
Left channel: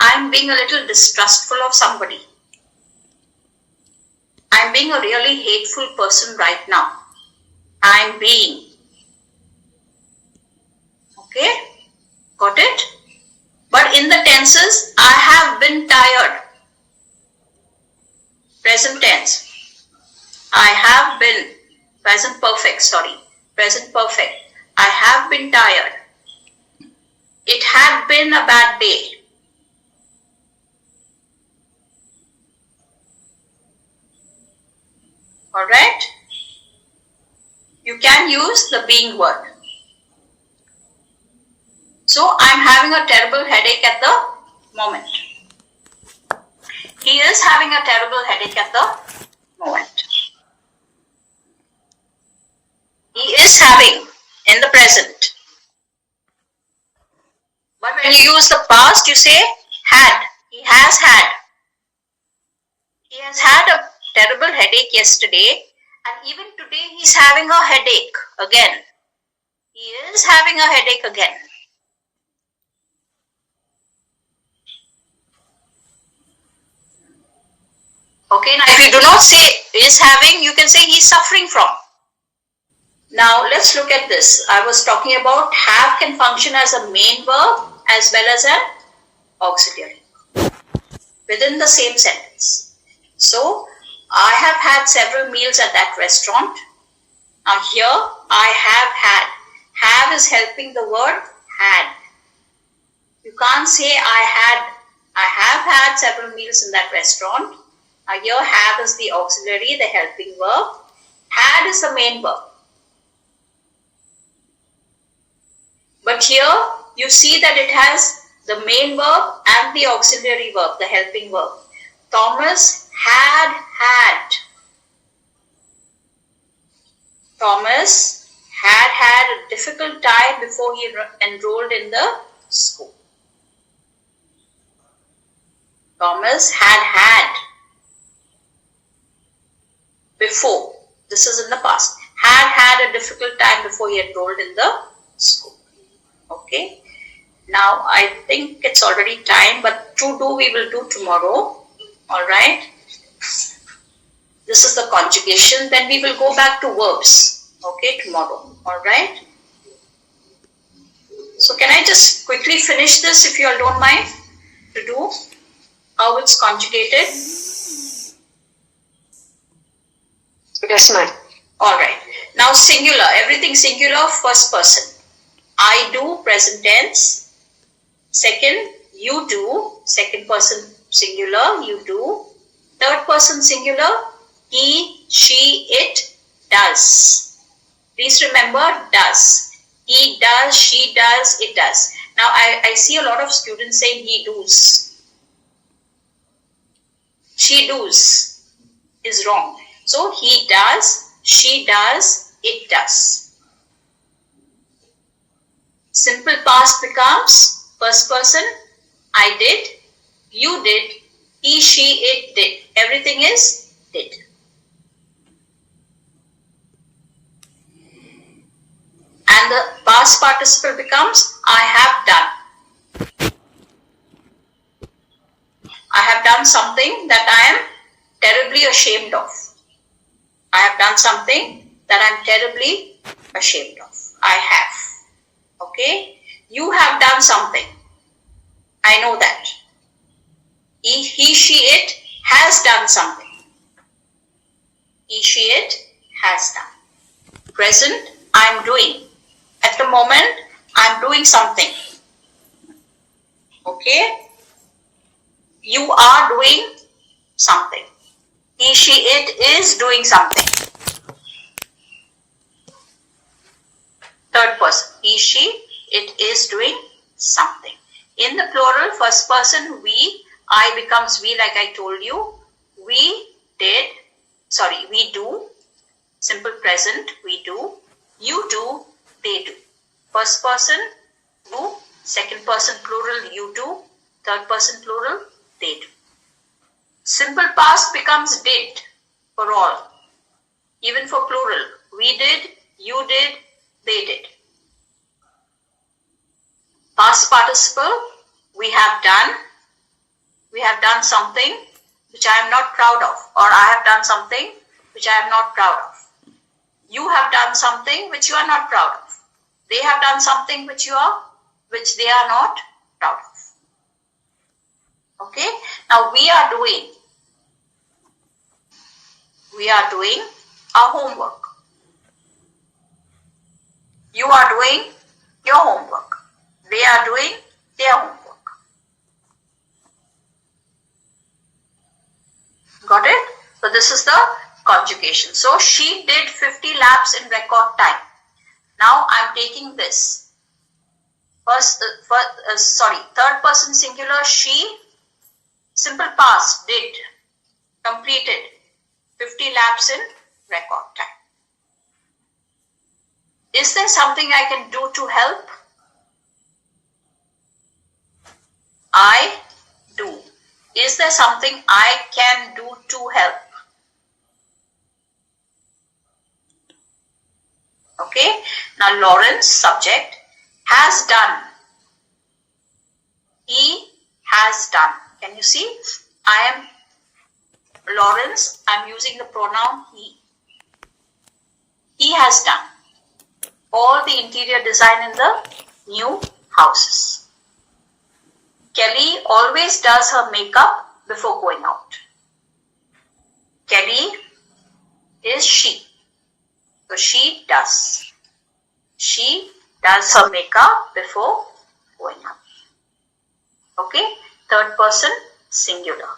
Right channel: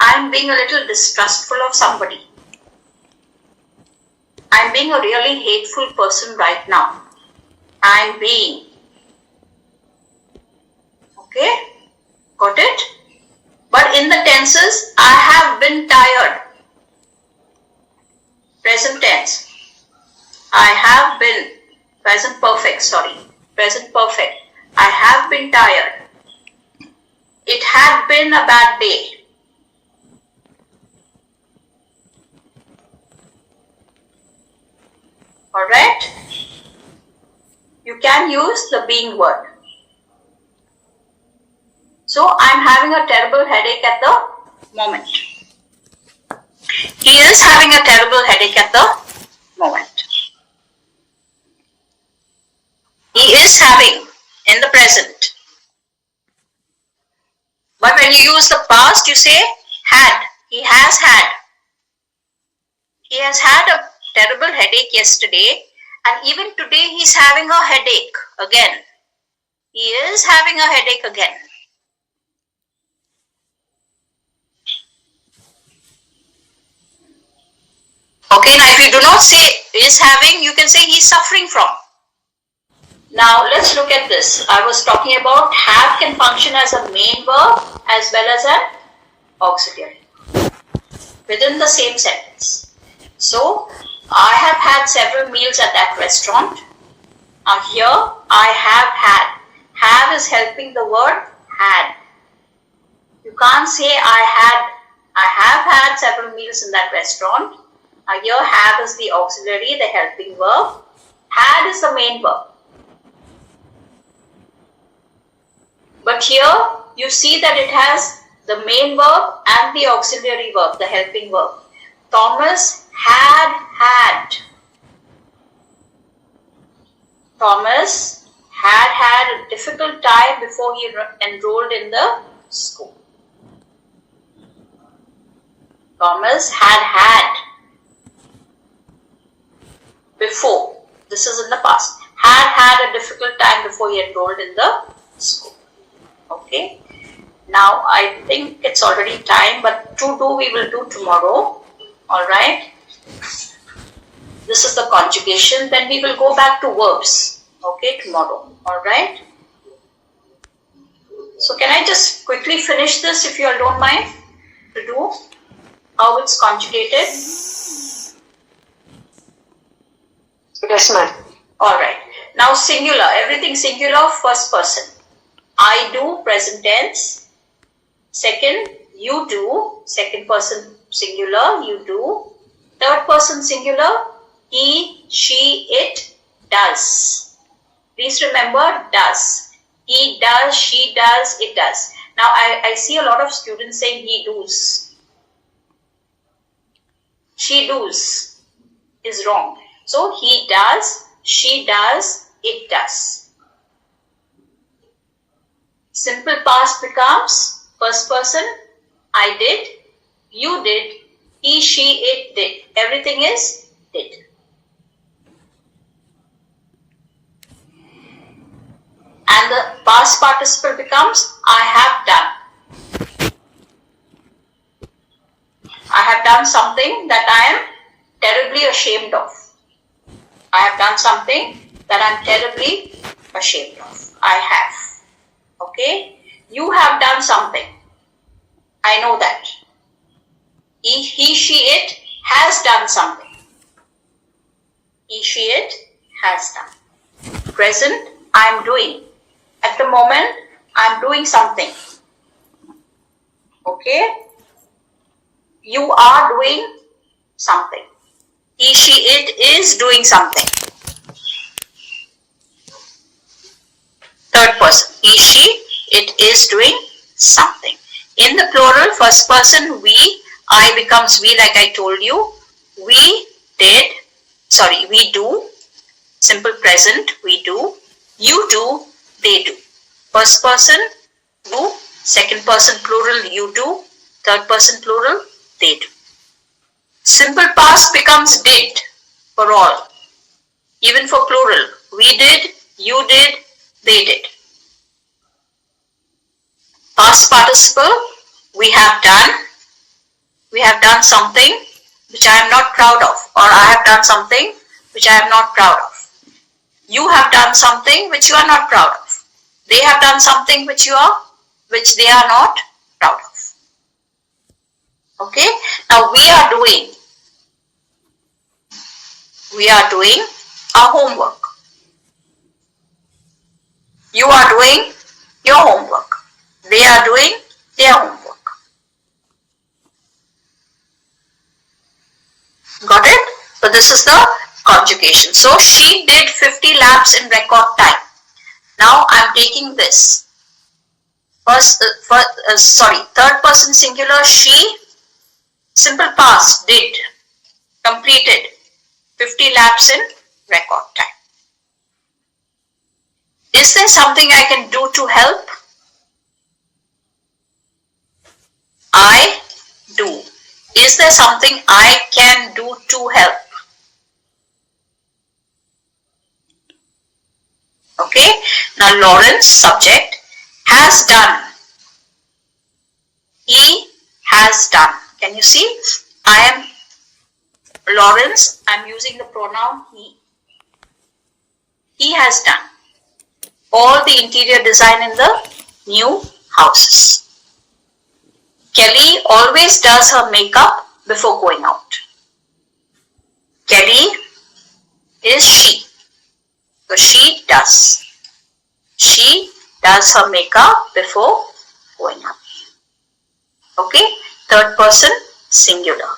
I'm being a little distrustful of somebody. I'm being a really hateful person right now. I'm being. Okay? Got it? But in the tenses, I have been tired. Present tense. I have been. Present perfect, sorry. Present perfect. I have been tired. It had been a bad day. Alright? You can use the being word. So, I'm having a terrible headache at the moment. He is having a terrible headache at the moment. He is having in the present. But when you use the past, you say had. He has had. He has had a terrible headache yesterday, and even today he's having a headache again. He is having a headache again. Okay, now if you do not say is having, you can say he's suffering from. Now let's look at this. I was talking about have can function as a main verb as well as an auxiliary within the same sentence. So I have had several meals at that restaurant. Now here I have had. Have is helping the word had. You can't say I have had several meals in that restaurant. Now here have is the auxiliary, the helping verb. Had is the main verb. But here you see that it has the main verb and the auxiliary verb, the helping verb. Thomas had had. Thomas had had a difficult time before he enrolled in the school. Thomas had had before. This is in the past. Had a difficult time before he enrolled in the school. Okay. Now I think it's already time, but to do we will do tomorrow. Alright. This is the conjugation. Then we will go back to verbs. Okay, tomorrow. Alright. So can I just quickly finish this if you all don't mind to do how it's conjugated? Yes, ma'am. Alright. Now singular. Everything singular, first person. I do, present tense. Second, you do, second person singular, you do. Third person singular, he, she, it does. Please remember does. He does, she does, it does. Now I see a lot of students saying he does. She does is wrong. So he does, she does, it does. Simple past becomes first person, I did, you did, he, she, it did. Everything is did. And the past participle becomes I have done. I have done something that I am terribly ashamed of. I have done something that I am terribly ashamed of. I have. Okay? You have done something. I know that. He, she, it has done something. He, she, it has done. Present, I am doing. At the moment, I am doing something. Okay? You are doing something. He, she, it is doing something. Third person. He, she, it is doing something. In the plural, first person, we, I becomes we like I told you. We did, sorry, we do. Simple present, we do. You do, they do. First person, you. Second person plural, you do. Third person plural, they do. Simple past becomes did for all. Even for plural. We did, you did, they did. Past participle, we have done. We have done something which I am not proud of, or I have done something which I am not proud of. You have done something which you are not proud of. They have done something which they are not proud of. Okay? Now we are doing our homework. You are doing your homework. They are doing their homework. Got it? So this is the conjugation. So she did 50 laps in record time. Now I am taking this. Third person singular, she, simple past, did, completed 50 laps in record time. Is there something I can do to help? I do. Is there something I can do to help? Okay. Now Lawrence, subject, has done. He has done. Can you see? I am Lawrence. I am using the pronoun he. He has done all the interior design in the new houses. Kelly always does her makeup before going out. Kelly is she. So she does. She does her makeup before going out. Okay? Third person singular.